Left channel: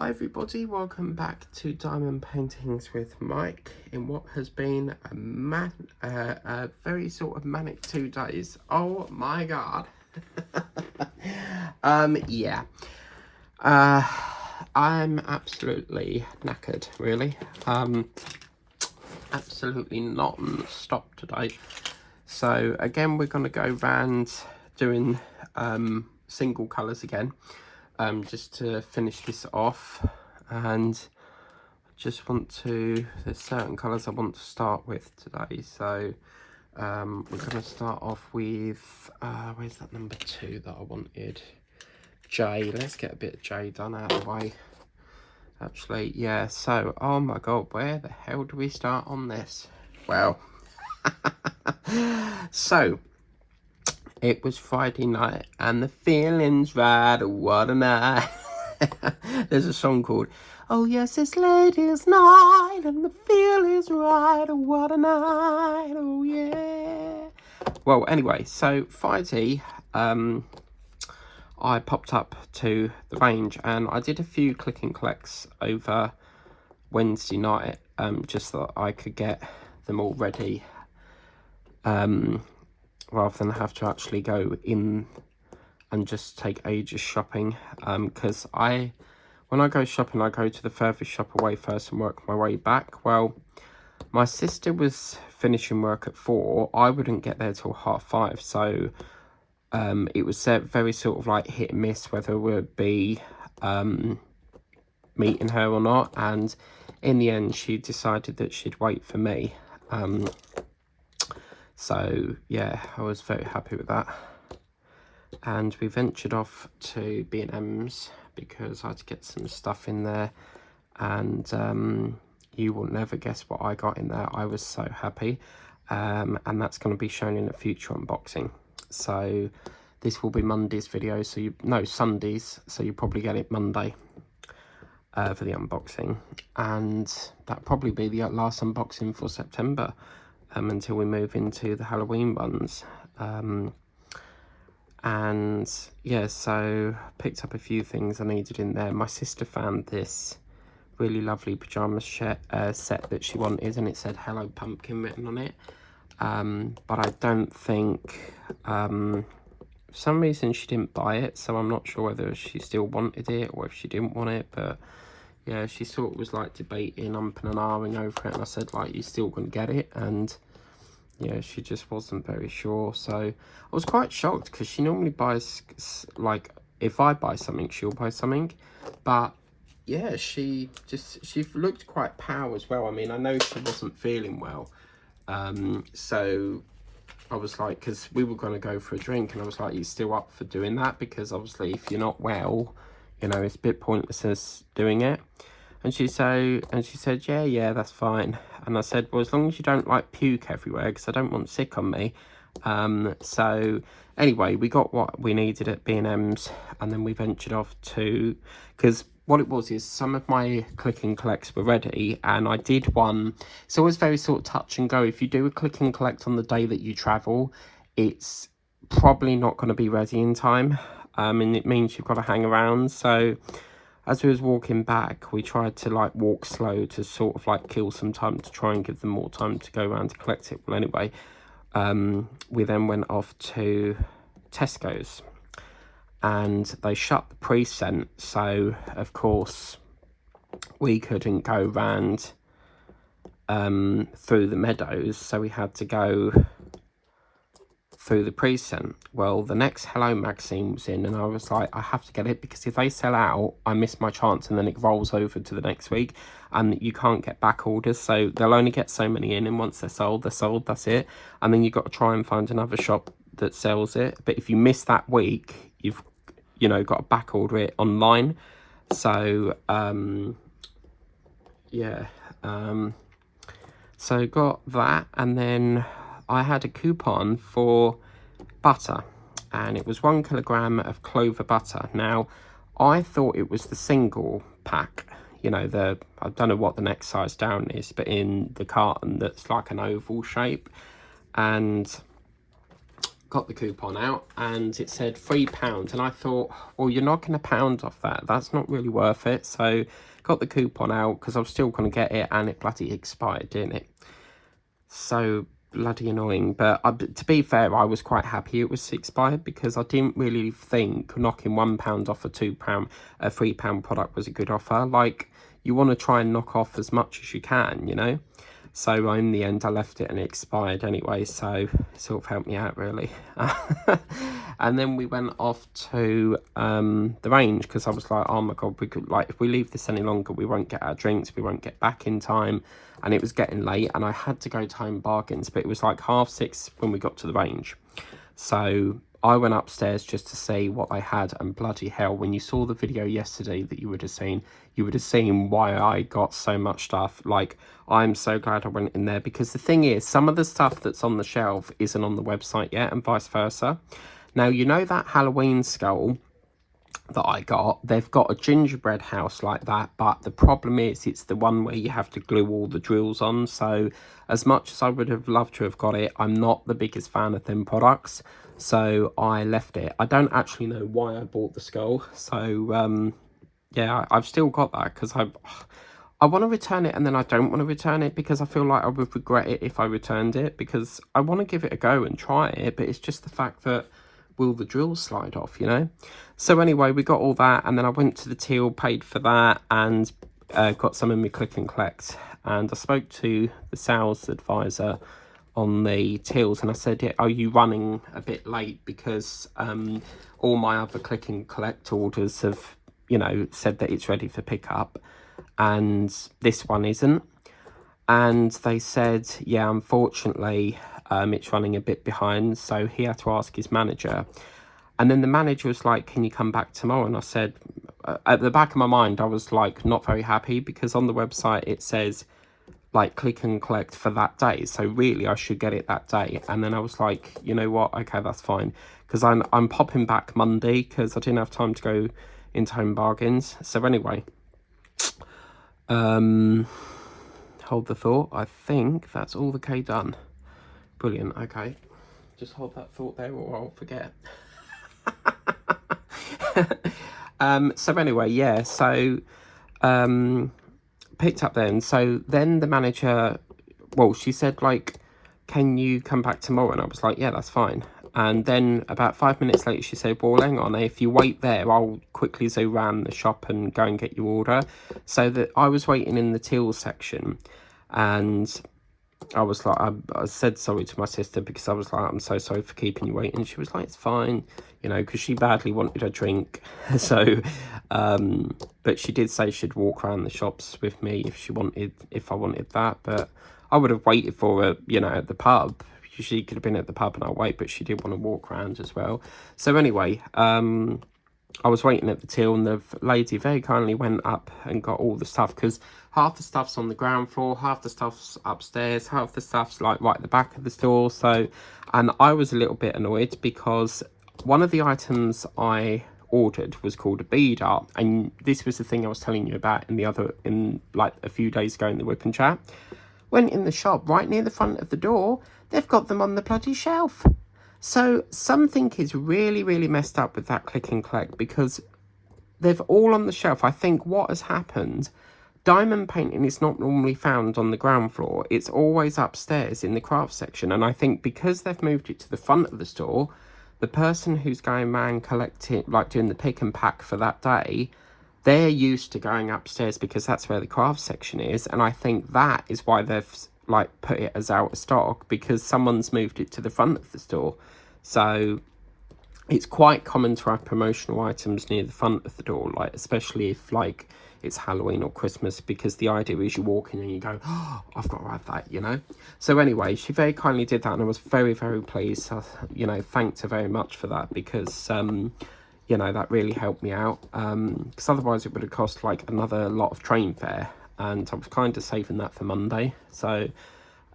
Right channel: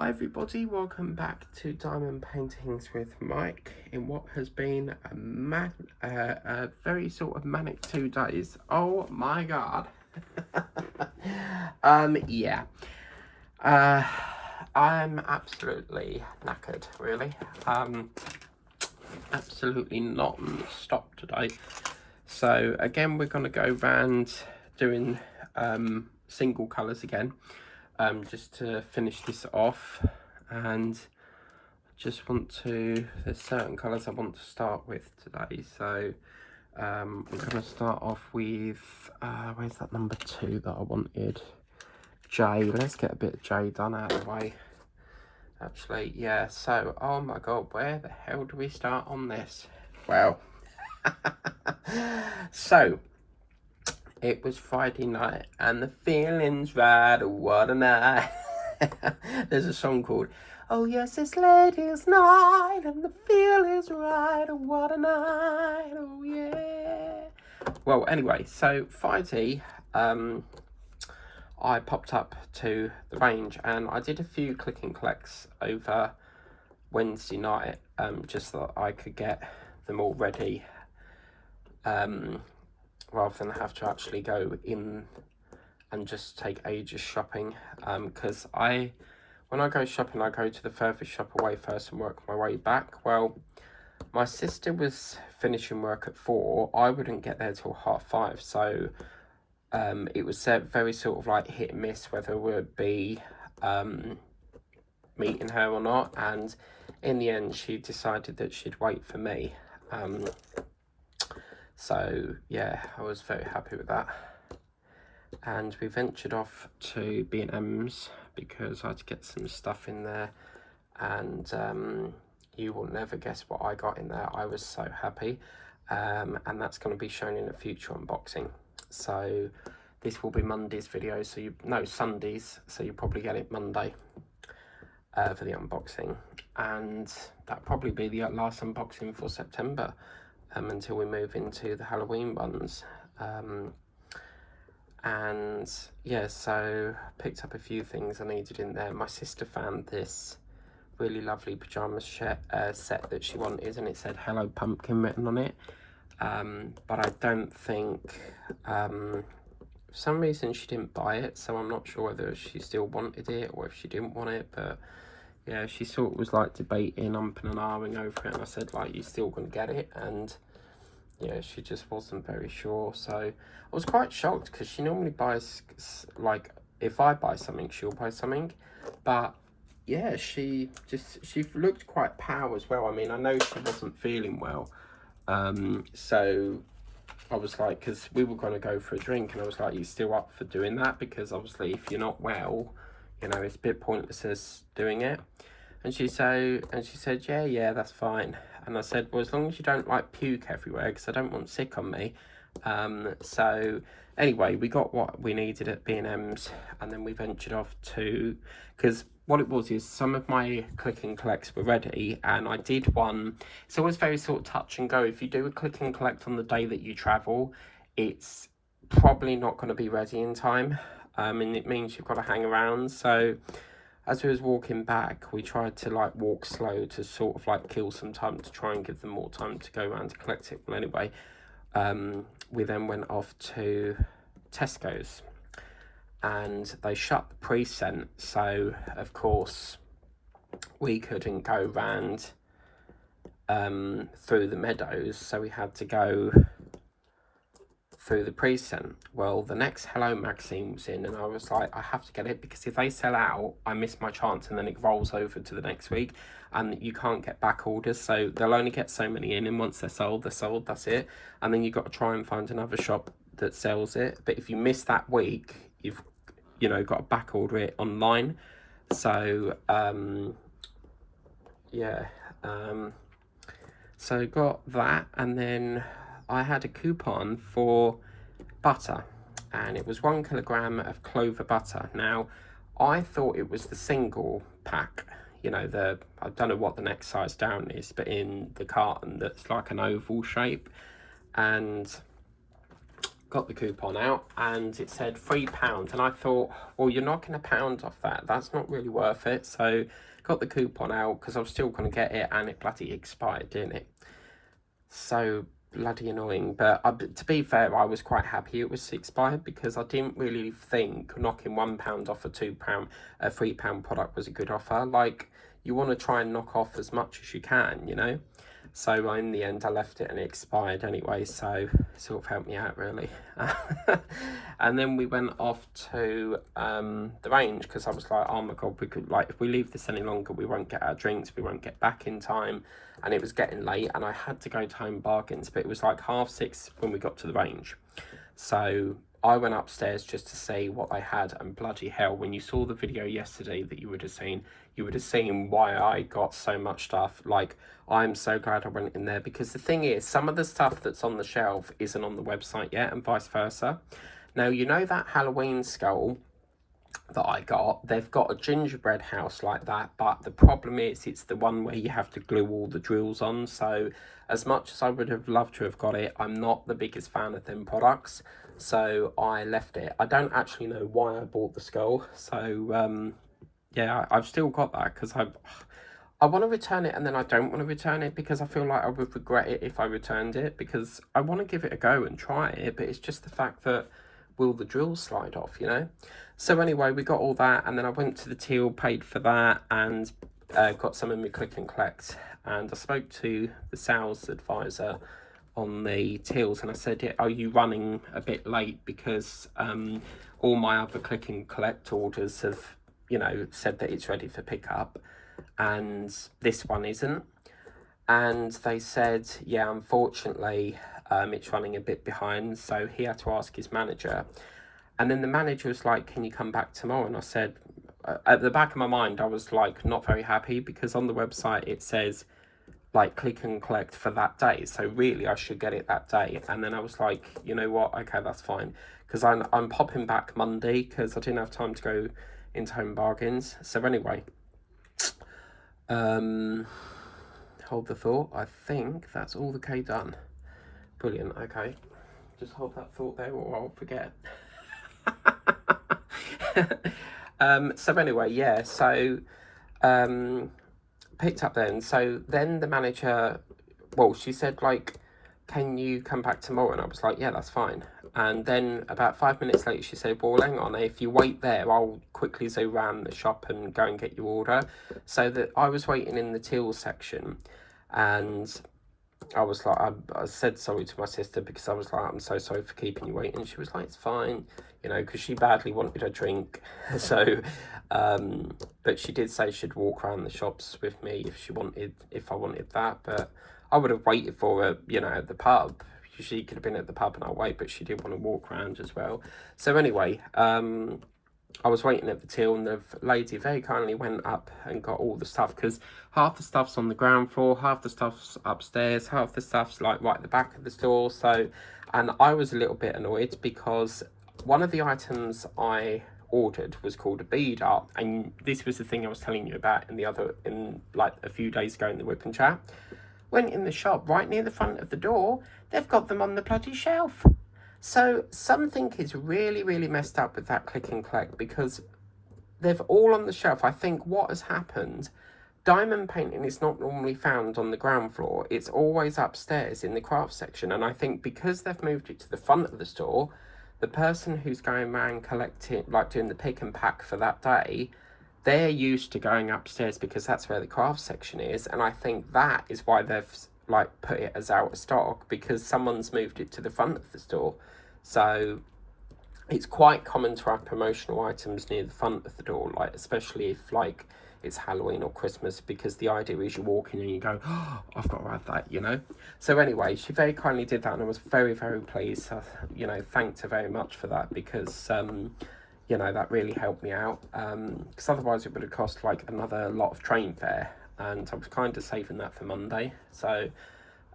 Hi everybody, welcome back to Diamond Paintings with Mike in what has been a very sort of manic 2 days. Oh my god. Yeah. I'm absolutely knackered, really. Absolutely non-stop today. So again, we're going to go round doing single colours again. Just to finish this off, and just want to, there's certain colours I want to start with today. So we're going to start off with where's that number 2 that I wanted? J. Let's get a bit of J done out of the way. Actually, yeah, so oh my god, where the hell do we start on this? Well, so it was Friday night and the feeling's right, what a night. There's a song called Oh Yes It's Ladies Night and the feeling's right, what a night, oh yeah. Well, anyway, so Friday I popped up to the range and I did a few click and collects over Wednesday night, just so that I could get them all ready, rather than have to actually go in and just take ages shopping, because when I go shopping, I go to the furthest shop away first and work my way back. Well, my sister was finishing work at 4. I wouldn't get there till 5:30, so it was very sort of like hit and miss whether we would be meeting her or not, and in the end she decided that she'd wait for me. So yeah, I was very happy with that. And we ventured off to B&M's because I had to get some stuff in there, and you will never guess what I got in there. I was so happy, and that's going to be shown in a future unboxing. So this will be Monday's video, so Sundays, so you probably get it Monday for the unboxing, and that'll probably be the last unboxing for September, until we move into the Halloween ones. And yeah, so picked up a few things I needed in there. My sister found this really lovely pyjama set that she wanted, and it said Hello Pumpkin written on it, but I don't think, for some reason she didn't buy it, so I'm not sure whether she still wanted it or if she didn't want it. But yeah, she sort of was like debating, umping and ahhing over it, and I said, like, you're still gonna get it? And yeah, she just wasn't very sure. So I was quite shocked because she normally buys, like, if I buy something, she'll buy something. But yeah, she looked quite pow as well. I mean, I know she wasn't feeling well. So I was like, because we were going to go for a drink, and I was like, you still up for doing that? Because obviously if you're not well, you know, it's a bit pointless as doing it. And she said, yeah, that's fine. And I said, well, as long as you don't like puke everywhere, because I don't want sick on me. So anyway, we got what we needed at B&M's, and then we ventured off to, because what it was is some of my click and collects were ready, and I did one. It's always very sort of touch and go. If you do a click and collect on the day that you travel, it's probably not going to be ready in time, and it means you've got to hang around. So as we was walking back, we tried to like walk slow to sort of like kill some time to try and give them more time to go around to collect it. Well, anyway, we then went off to Tesco's, and they shut the precinct, so of course we couldn't go round through the meadows, so we had to go through the precinct. Well, the next Hello magazine was in, and I was like, I have to get it, because if they sell out, I miss my chance, and then it rolls over to the next week, and you can't get back orders, so they'll only get so many in, and once they're sold, that's it. And then you've got to try and find another shop that sells it. But if you miss that week, you've, you know, got to back order it online. So yeah, so got that, and then I had a coupon for butter, and it was 1 kilogram of clover butter. Now, I thought it was the single pack, you know, I don't know what the next size down is, but in the carton that's like an oval shape. And got the coupon out and it said £3, and I thought, well, you're knocking £1 off that, that's not really worth it. So got the coupon out because I was still going to get it, and it bloody expired, didn't it? So bloody annoying. But to be fair, I was quite happy it was expired, because I didn't really think knocking £1 off a £3 product was a good offer. Like, you want to try and knock off as much as you can, you know. So in the end, I left it and it expired anyway, so it sort of helped me out, really. And then we went off to the range, because I was like, oh my god, we could, like, if we leave this any longer, we won't get our drinks, we won't get back in time. And it was getting late, and I had to go to Home Bargains, but it was like 6:30 when we got to the range. So I went upstairs just to see what they had, and bloody hell, when you saw the video yesterday that you would have seen why I got so much stuff. Like, I'm so glad I went in there, because the thing is, some of the stuff that's on the shelf isn't on the website yet, and vice versa. Now, you know that Halloween skull that I got, they've got a gingerbread house like that, but the problem is it's the one where you have to glue all the drills on. So as much as I would have loved to have got it, I'm not the biggest fan of them products, so I left it. I don't actually know why I bought the skull, so yeah, I've still got that, because I want to return it, and then I don't want to return it, because I feel like I would regret it if I returned it, because I want to give it a go and try it, but it's just the fact that, will the drills slide off, you know? So anyway, we got all that, and then I went to the till, paid for that, and got some in my click and collect. And I spoke to the sales advisor on the tills, and I said, yeah, are you running a bit late, because all my other click and collect orders have, you know, said that it's ready for pickup, and this one isn't. And they said, yeah, unfortunately, it's running a bit behind. So he had to ask his manager, and then the manager was like, can you come back tomorrow? And I said, at the back of my mind, I was like, not very happy, because on the website it says like click and collect for that day, so really I should get it that day. And then I was like, you know what, okay, that's fine, because I'm popping back Monday, because I didn't have time to go into Home Bargains. So anyway, hold the thought, I think that's all the K done. Brilliant. Okay, just hold that thought there, or I'll forget. So anyway, yeah, so picked up then. So then the manager, well, she said, like, can you come back tomorrow? And I was like, yeah, that's fine. And then about 5 minutes later, she said, well, hang on, if you wait there, I'll quickly zoom around the shop and go and get your order. So that I was waiting in the till section, and I was like, I said sorry to my sister, because I was like, I'm so sorry for keeping you waiting. She was like, it's fine, you know, because she badly wanted a drink. So but she did say she'd walk around the shops with me if I wanted that. But I would have waited for her, you know, at the pub. She could have been at the pub and I'll wait, but she did want to walk around as well. So anyway, I was waiting at the till, and the lady very kindly went up and got all the stuff, because half the stuff's on the ground floor, half the stuff's upstairs, half the stuff's like right at the back of the store. So, and I was a little bit annoyed, because one of the items I ordered was called a beader, and this was the thing I was telling you about in like a few days ago in the whip and chat. Went in the shop right near the front of the door, they've got them on the bloody shelf. So something is really, really messed up with that click and collect, because they've all on the shelf. I think what has happened, diamond painting is not normally found on the ground floor. It's always upstairs in the craft section. And I think because they've moved it to the front of the store, the person who's going around collecting, like doing the pick and pack for that day, they're used to going upstairs, because that's where the craft section is. And I think that is why they've like put it as out of stock, because someone's moved it to the front of the store. So it's quite common to have promotional items near the front of the door, like especially if like it's Halloween or Christmas, because the idea is you walk in and you go, oh, I've got to have that, you know. So anyway, she very kindly did that, and I was very, very pleased. You know, thanked her very much for that, because you know, that really helped me out, because otherwise it would have cost like another lot of train fare, and I was kind of saving that for Monday. So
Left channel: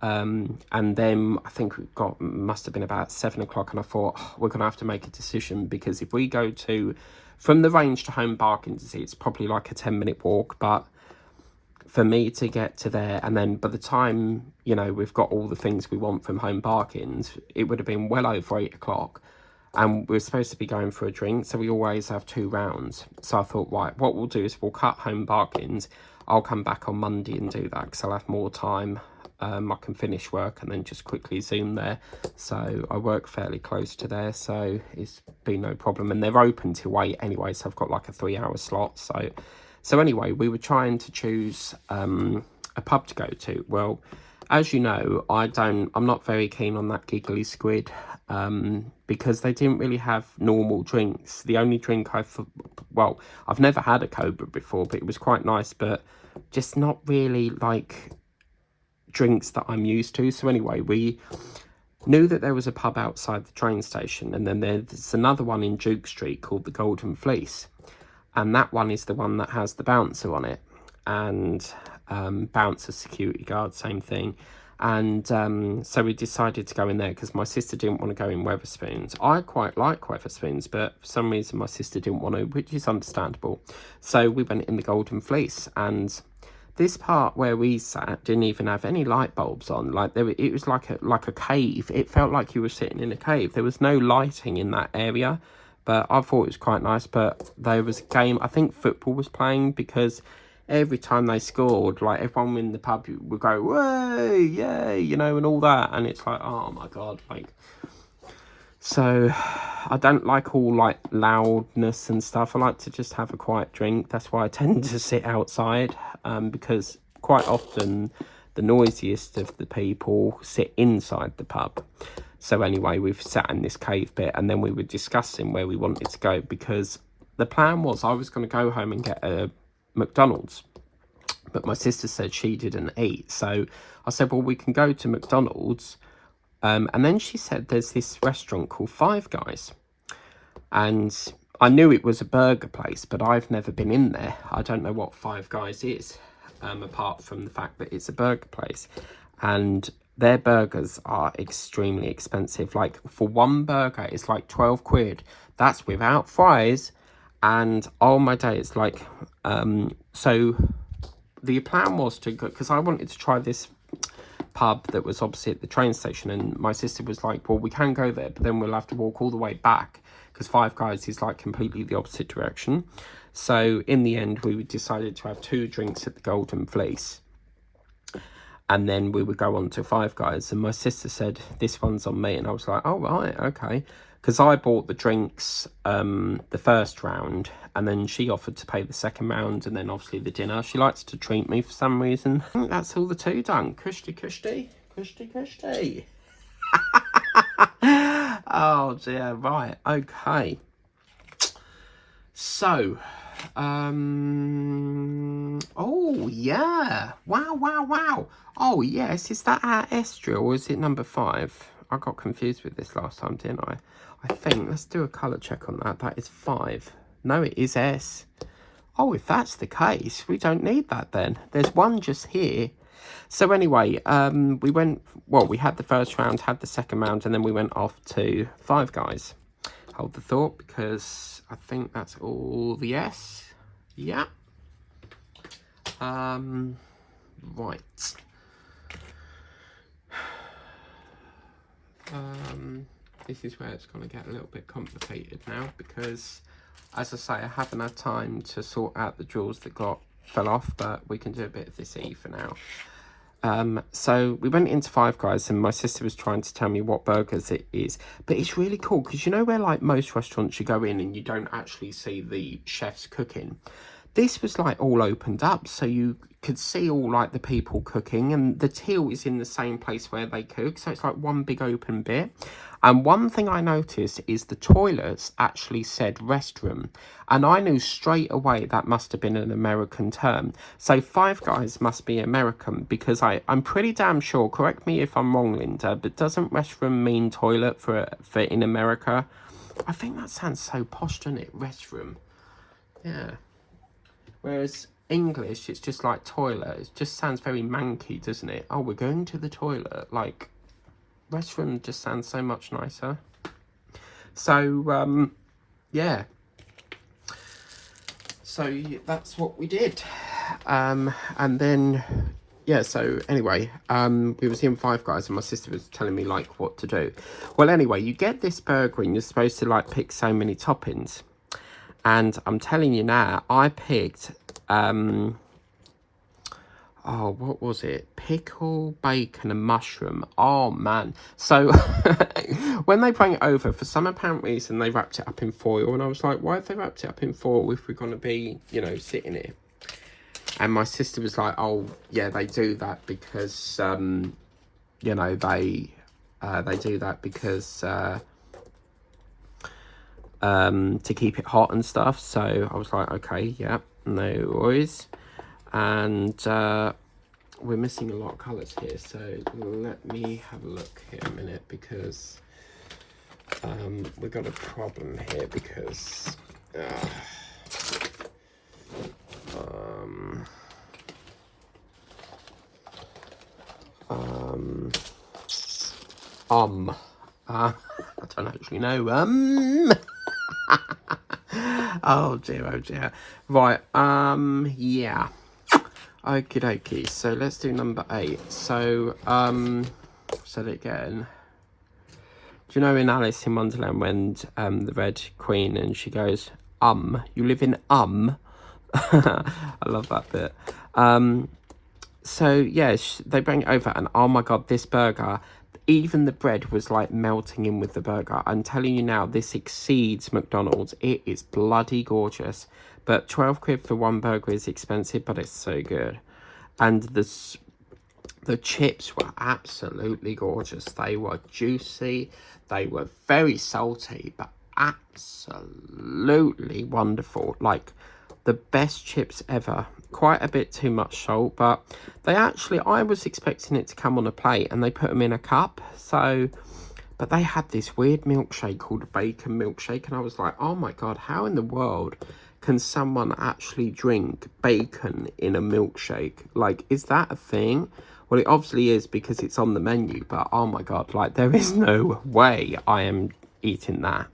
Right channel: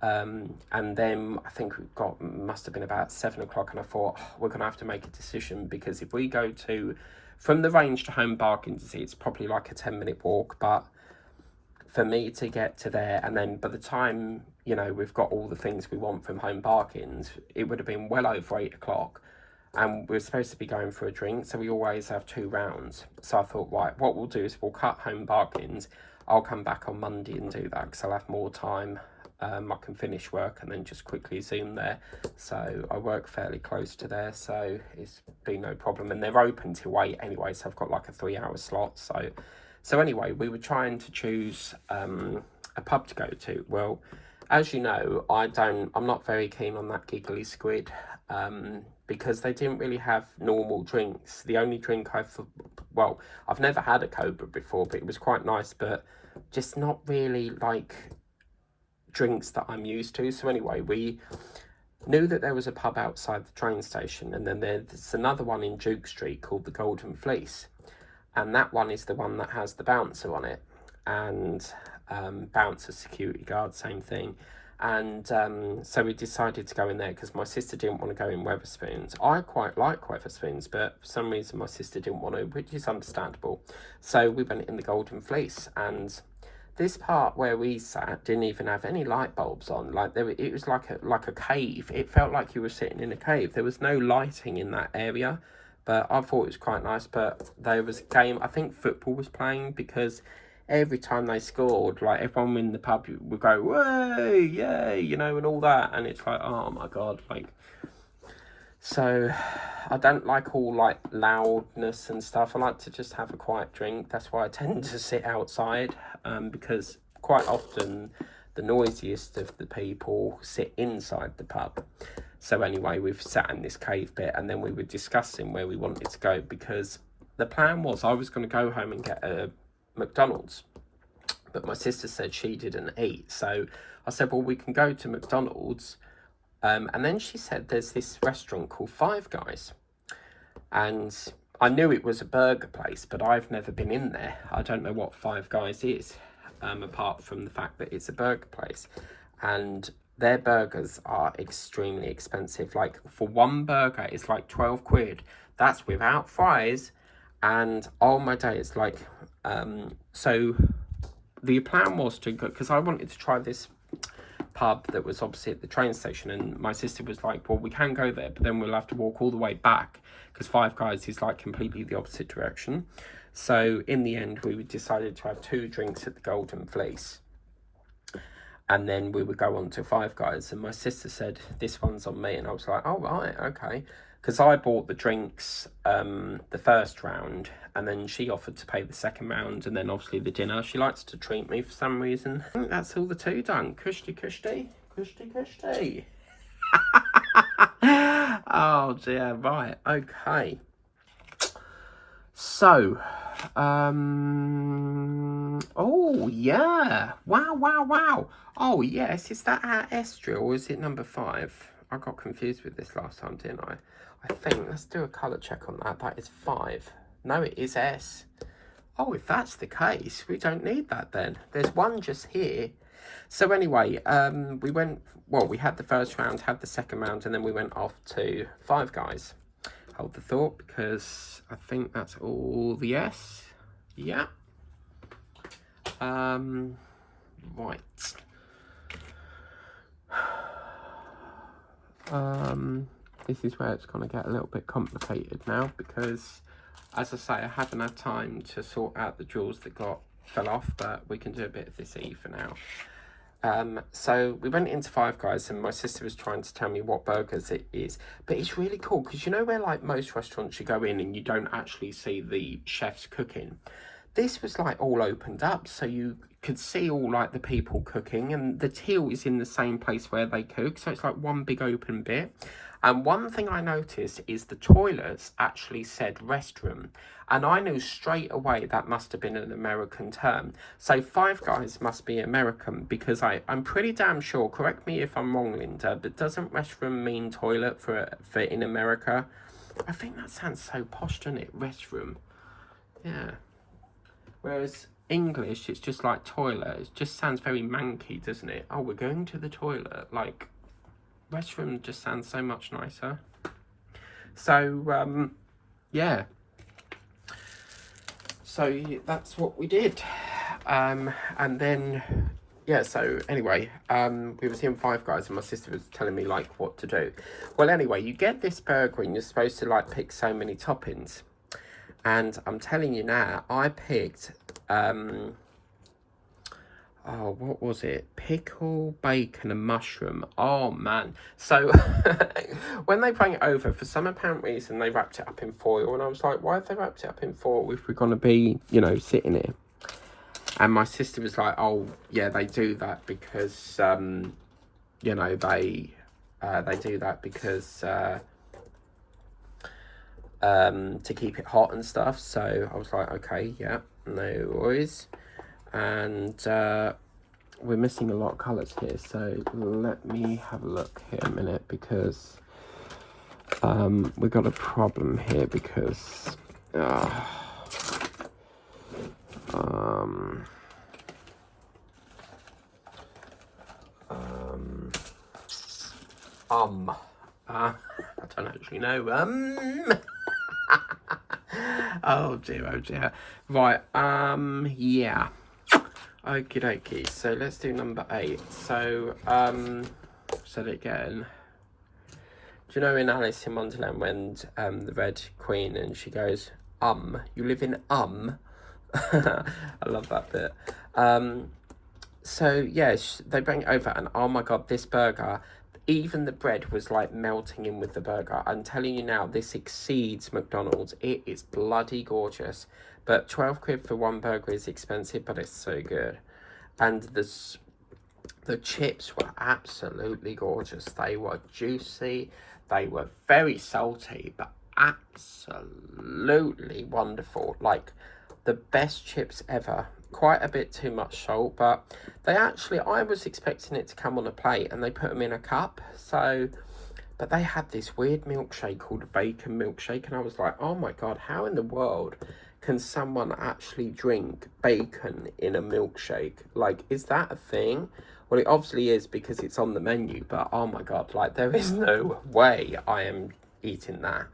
and then I think must have been about 7 o'clock, and I thought, oh, we're gonna have to make a decision, because if we go from the range to Home Bargains, it's probably like a 10-minute walk, but for me to get to there, and then by the time, you know, we've got all the things we want from Home Bargains, it would have been well over 8 o'clock. And we're supposed to be going for a drink, so we always have 2 rounds. So I thought, right, what we'll do is we'll cut Home Bargains. I'll come back on Monday and do that, because I'll have more time. I can finish work and then just quickly zoom there. So I work fairly close to there, so it's been no problem. And they're open till 8 anyway, so I've got like a 3-hour slot. So anyway, we were trying to choose a pub to go to. Well, as you know, I'm not very keen on that Giggly Squid, because they didn't really have normal drinks. The only drink I've never had a Cobra before, but it was quite nice, but just not really like drinks that I'm used to. So anyway, we knew that there was a pub outside the train station, and then there's another one in Duke Street called the Golden Fleece, and that one is the one that has the bouncer on it, and bouncer, security guard, same thing. And so we decided to go in there because my sister didn't want to go in Wetherspoons. I quite like Wetherspoons, but for some reason my sister didn't want to, which is understandable. So we went in the Golden Fleece, and this part where we sat didn't even have any light bulbs on. Like it was like a cave. It felt like you were sitting in a cave. There was no lighting in that area, but I thought it was quite nice. But there was a game, I think football was playing, because every time they scored, like everyone in the pub would go, "Way, yay," you know, and all that. And it's like, oh my god, like. So I don't like all like loudness and stuff. I like to just have a quiet drink. That's why I tend to sit outside, because quite often the noisiest of the people sit inside the pub. So anyway, we've sat in this cave bit, and then we were discussing where we wanted to go, because the plan was I was going to go home and get a McDonald's, but my sister said she didn't eat. So I said, well, we can go to McDonald's. And then she said there's this restaurant called Five Guys, and I knew it was a burger place, but I've never been in there. I don't know what Five Guys is, apart from the fact that it's a burger place, and their burgers are extremely expensive. Like for one burger, it's like 12 quid. That's without fries, and oh my days, like, so the plan was to go, because I wanted to try this pub that was opposite the train station, and my sister was like, well, we can go there, but then we'll have to walk all the way back, because Five Guys is like completely the opposite direction. So in the end, we decided to have 2 drinks at the Golden Fleece, and then we would go on to Five Guys. And my sister said, this one's on me, and I was like, oh right, okay, because I bought the drinks the first round, and then she offered to pay the second round, and then obviously the dinner. She likes to treat me for some reason. I think that's all the 2 done. Kushti, kushti, kushti, kushti. Oh dear, right, okay. So, oh yeah, wow. Oh yes, is that our Estra, or is it number 5? I got confused with this last time, didn't I? I think, let's do a colour check on that. That is 5. No, it is S. Oh, if that's the case, we don't need that then. There's one just here. So anyway, we had the first round, had the second round, and then we went off to Five Guys. Hold the thought, because I think that's all the S. Yeah. Right. This is where it's going to get a little bit complicated now, because, as I say, I haven't had time to sort out the drawers that fell off, but we can do a bit of this E for now. So we went into Five Guys, and my sister was trying to tell me what burgers it is, but it's really cool, because you know where like most restaurants you go in and you don't actually see the chefs cooking. This was like all opened up, so you could see all like the people cooking, and the till is in the same place where they cook, so it's like one big open bit. And one thing I noticed is the toilets actually said restroom, and I knew straight away that must have been an American term. So Five Guys must be American, because I'm pretty damn sure, correct me if I'm wrong, Linda, but doesn't restroom mean toilet for in America? I think that sounds so posh, doesn't it? Restroom. Yeah. Whereas English, it's just like toilet. It just sounds very manky, doesn't it? Oh, we're going to the toilet. Like, restroom just sounds so much nicer. So, yeah. so that's what we did. And then, yeah, so anyway, we was in Five Guys and my sister was telling me like what to do. Well, anyway, you get this burger and you're supposed to like pick so many toppings. And I'm telling you now, I picked, oh, what was it? Pickle, bacon and mushroom. Oh, man. So, when they bring it over, for some apparent reason, they wrapped it up in foil. And I was like, why have they wrapped it up in foil if we're going to be, you know, sitting here? And my sister was like, oh, yeah, they do that because, you know, they do that because, to keep it hot and stuff. So I was like, okay, yeah, no worries. And we're missing a lot of colours here, so let me have a look here a minute, because we've got a problem here, because I don't actually know. Oh dear. Right, yeah. Okie dokie. So let's do number 8. So, said it again. Do you know in Alice in Wonderland when the Red Queen and she goes, you live in I love that bit. So yeah, they bring it over and oh my god, this burger, even the bread was like melting in with the burger. I'm telling you now, this exceeds McDonald's. It is bloody gorgeous. But 12 quid for one burger is expensive, but it's so good. And the chips were absolutely gorgeous. They were juicy. They were very salty, but absolutely wonderful. Like the best chips ever. Quite a bit too much salt, but they actually, I was expecting it to come on a plate and they put them in a cup. So, but they had this weird milkshake called a bacon milkshake, and I was like, oh my god, how in the world can someone actually drink bacon in a milkshake? Like, is that a thing? Well, it obviously is because it's on the menu, but oh my god, like there is no way I am eating that.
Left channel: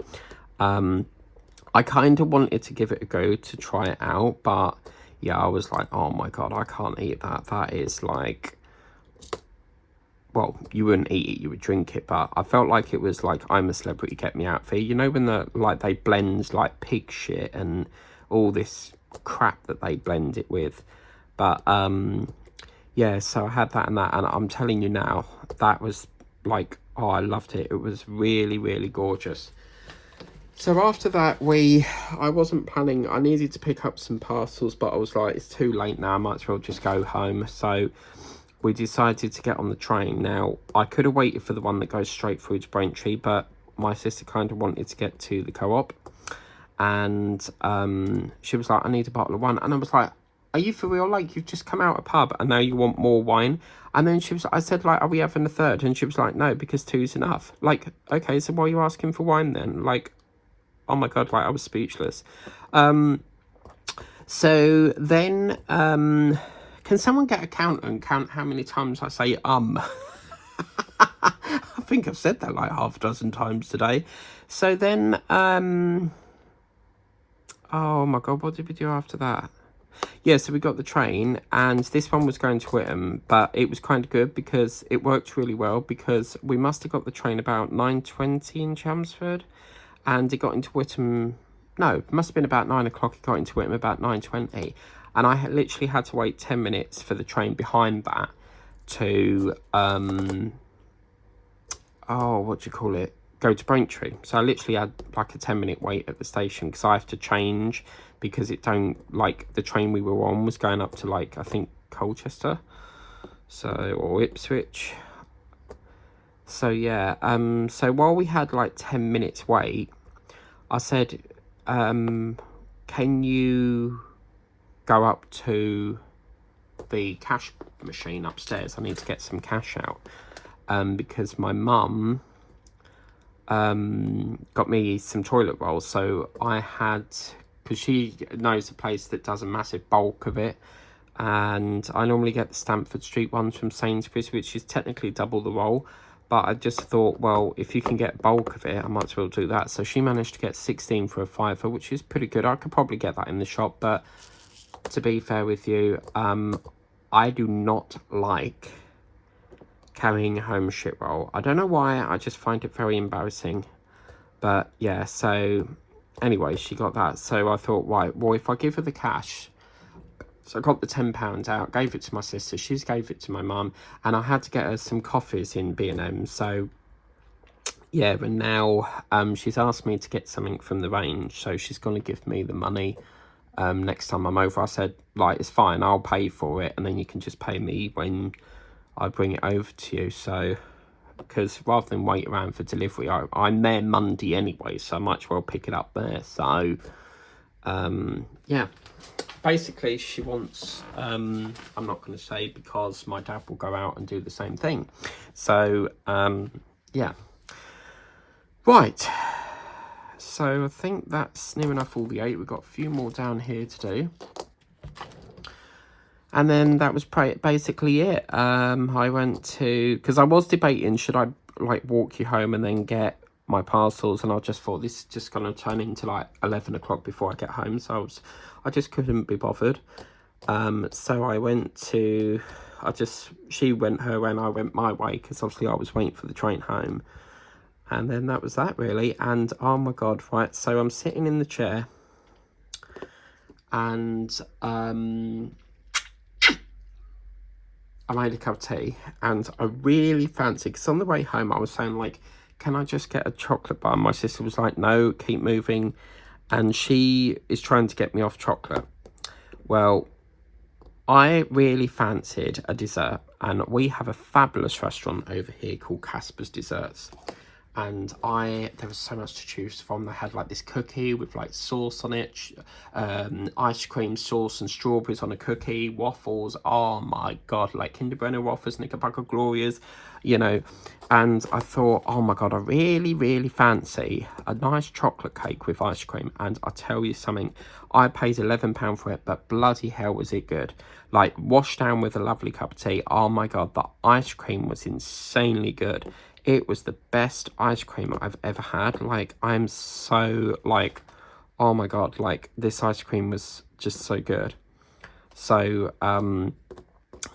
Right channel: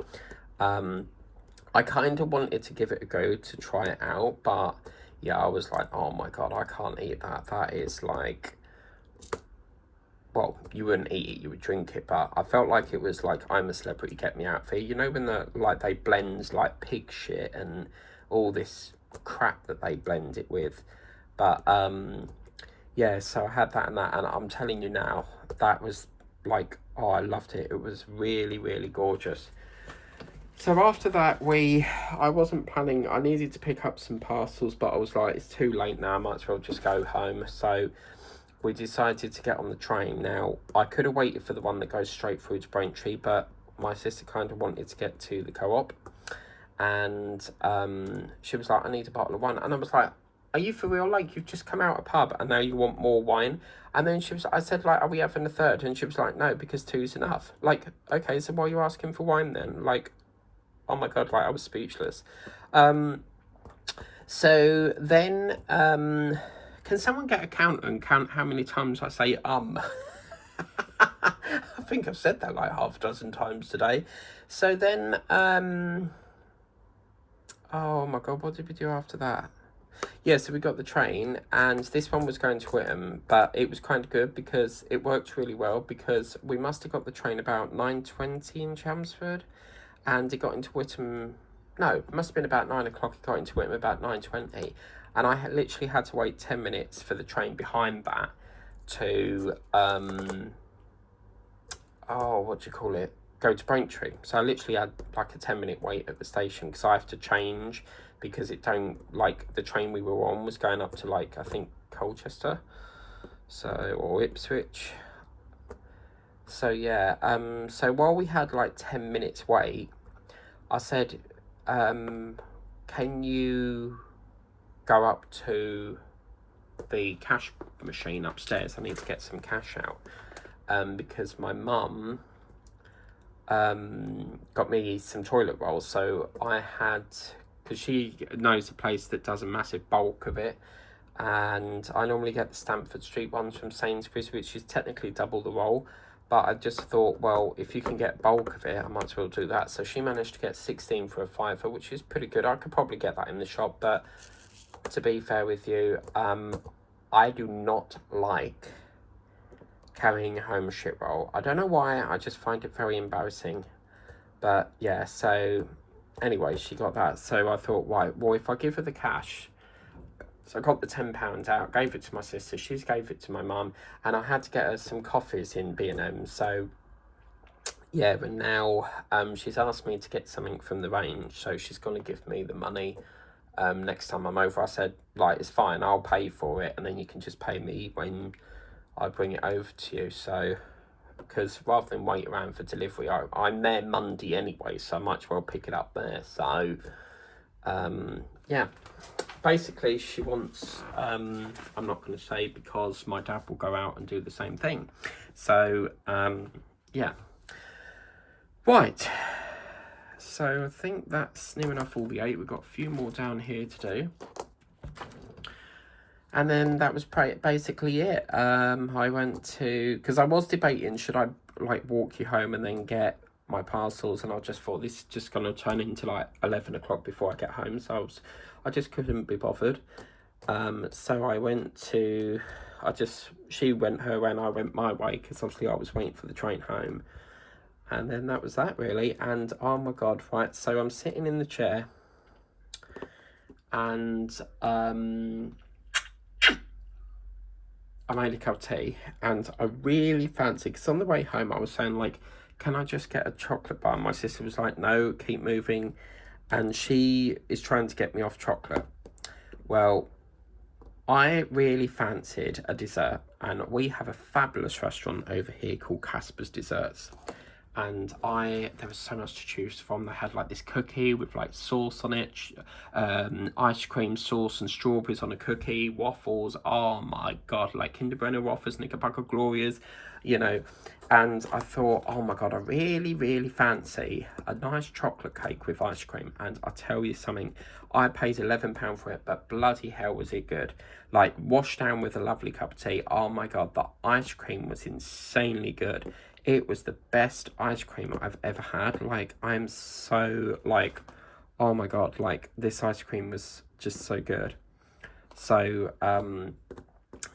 I kind of wanted to give it a go to try it out, but yeah, I was like, oh my god, I can't eat that. That is like, well, you wouldn't eat it, you would drink it, but I felt like it was like I'm a Celebrity, get me out there. You know when they blend like pig shit and all this crap that they blend it with. But yeah, so I had that and I'm telling you now, that was like, oh, I loved it. It was really, really gorgeous. So after that, I wasn't planning, I needed to pick up some parcels, but I was like, it's too late now, I might as well just go home. So we decided to get on the train. Now, I could have waited for the one that goes straight through to Braintree, but my sister kind of wanted to get to the Co-op. And she was like, I need a bottle of wine. And I was like, are you for real? Like, you've just come out a pub and now you want more wine? And then I said, like, are we having a third? And she was like, no, because 2's enough. Like, okay, so why are you asking for wine then? Like, oh my god, like I was speechless. So then, can someone get a counter and count how many times I say I think I've said that like half a dozen times today. So then, oh my god, what did we do after that? Yeah, so we got the train, and this one was going to Whittam, but it was kind of good because it worked really well, because we must have got the train about 9:20 in Chelmsford, and it got into Whittam, no, it must have been about 9 o'clock, it got into Whittam about 9:20, and I literally had to wait 10 minutes for the train behind that to, go to Braintree. So I literally had like a 10-minute wait at the station, because I have to change, because it don't, like, the train we were on was going up to, like, I think Colchester, so, or Ipswich. So yeah, so while we had like 10 minutes wait, I said, can you go up to the cash machine upstairs? I need to get some cash out, because my mum got me some toilet rolls. So I had, because she knows a place that does a massive bulk of it, and I normally get the Stamford Street ones from Sainsbury's, which is technically double the roll, but I just thought, well, if you can get bulk of it, I might as well do that. So she managed to get 16 for a fiver, which is pretty good. I could probably get that in the shop, but to be fair with you, I do not like carrying home shit roll. I don't know why, I just find it very embarrassing. But yeah, so anyway, she got that. So I thought, right, well, if I give her the cash, so I got the £10 out, gave it to my sister, she's gave it to my mum, and I had to get her some coffees in B&M. So yeah, and now she's asked me to get something from the range, so she's going to give me the money next time I'm over. I said, like, it's fine, I'll pay for it, and then you can just pay me when I bring it over to you. So because rather than wait around for delivery, I'm there Monday anyway, so I might as well pick it up there. So yeah, basically she wants, I'm not going to say, because my dad will go out and do the same thing. So yeah, right, so I think that's near enough all the 8. We've got a few more down here to do. And then that was basically it. I went to, because I was debating, should I like walk you home and then get my parcels, and I just thought this is just going to turn into like 11 o'clock before I get home, so I just couldn't be bothered. So I went to, she went her way and I went my way, because obviously I was waiting for the train home. And then that was that really. And oh my god, right, so I'm sitting in the chair, and I made a cup of tea, and I really fancied, because on the way home I was saying, like, can I just get a chocolate bar? And my sister was like, no, keep moving, and she is trying to get me off chocolate. Well, I really fancied a dessert, and we have a fabulous restaurant over here called Casper's Desserts. And there was so much to choose from. They had like this cookie with like sauce on it, ice cream sauce and strawberries on a cookie, waffles, oh my god, like Kinder Bueno waffles, Knickerbocker Glorias, you know. And I thought, oh my god, I really fancy a nice chocolate cake with ice cream. And I tell you something, I paid £11 for it, but bloody hell was it good. Like, washed down with a lovely cup of tea. Oh my god, the ice cream was insanely good. It was the best ice cream I've ever had. Like, I'm so, like, oh my god, like, this ice cream was just so good. So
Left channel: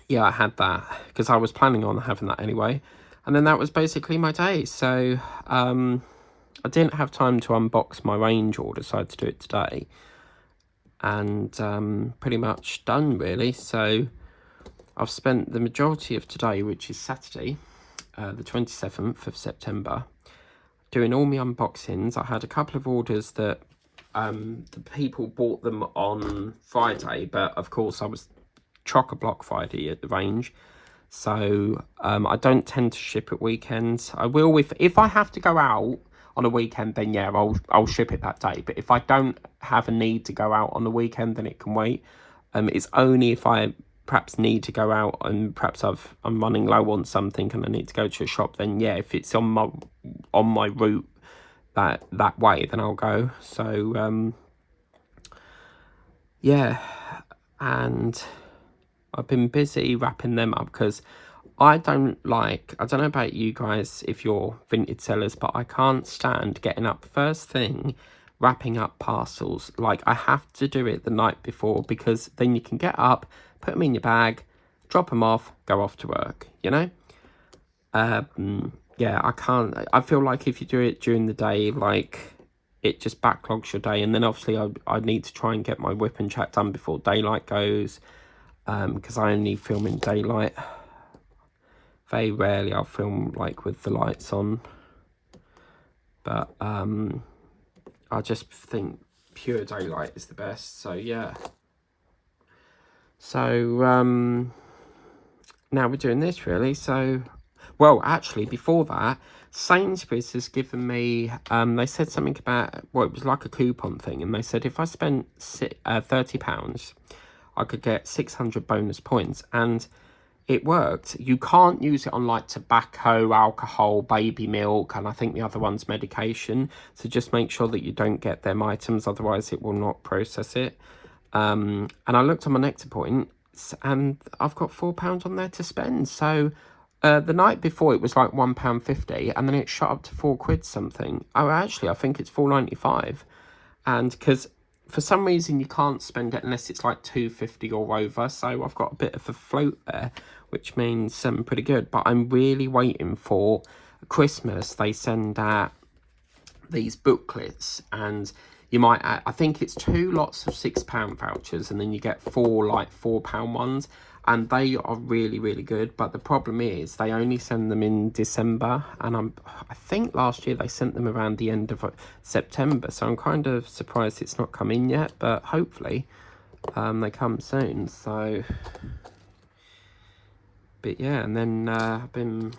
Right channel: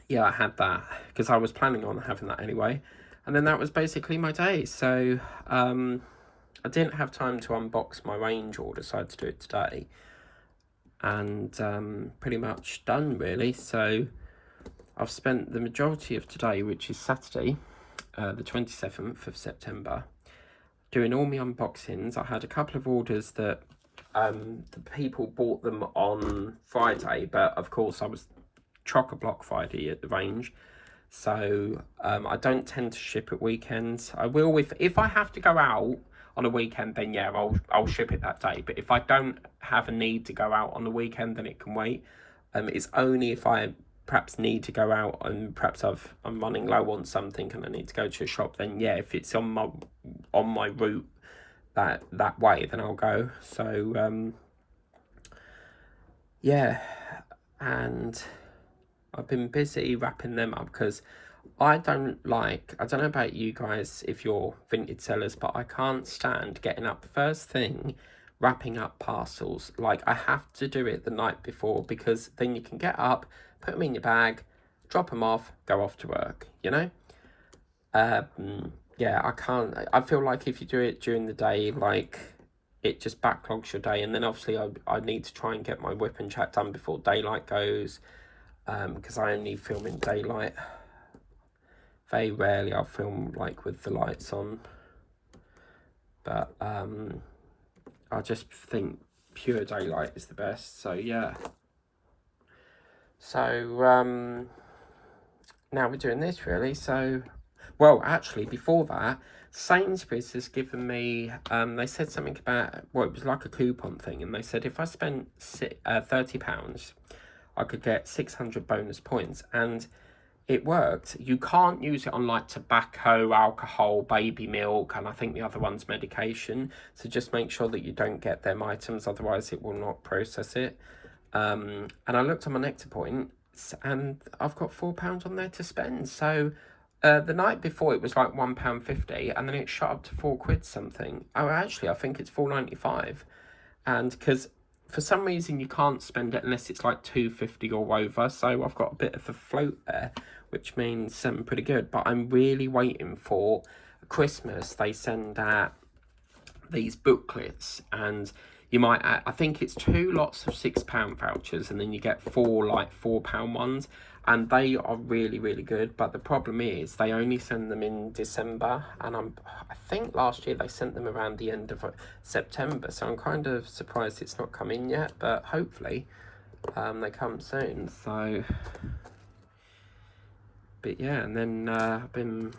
yeah, I had that because I was planning on having that anyway. And then that was basically my day. So I didn't have time to unbox my range order, so I had to do it today. And pretty much done really. So I've spent the majority of today, which is Saturday, the 27th of September, doing all my unboxings. I had a couple of orders that the people bought them on Friday, but of course I was chock-a-block Friday at the range. So I don't tend to ship at weekends. I will if I have to go out on a weekend, then yeah, I'll ship it that day. But if I don't have a need to go out on the weekend, then it can wait. It's only if I perhaps need to go out and perhaps I'm running low on something and I need to go to a shop, then yeah, if it's on my route that way, then I'll go. So yeah, and I've been busy wrapping them up because I don't know about you guys if you're Vinted sellers, but I can't stand getting up first thing wrapping up parcels. Like, I have to do it the night before, because then you can get up, put them in your bag, drop them off, go off to work, you know. Yeah, I can't. I feel like if you do it during the day, like, it just backlogs your day. And then obviously I need to try and get my whip and chat done before daylight goes, because I only film in daylight. Very rarely I'll film like with the lights on, but I just think pure daylight is the best. So yeah, so now we're doing this really. So, well, actually before that, Sainsbury's has given me, they said something about, well, it was like a coupon thing, and they said if I spent £30 I could get 600 bonus points, and it worked. You can't use it on like tobacco, alcohol, baby milk, and I think the other one's medication. So just make sure that you don't get them items, otherwise it will not process it. And I looked on my Nectar points and I've got £4 on there to spend. So The night before it was like £1.50, and then it shot up to £4 something. Oh, actually, I think it's £4.95. And because for some reason you can't spend it unless it's like £2.50 or over, so I've got a bit of a float there, which means something pretty good. But I'm really waiting for Christmas. They send out these booklets, and you might I think it's 2 lots of £6 vouchers, and then you get 4 like £4 ones, and they are really, really good. But the problem is they only send them in December, and I think last year they sent them around the end of September, so I'm kind of surprised it's not come in yet, but hopefully they come soon. So but yeah, and then I've been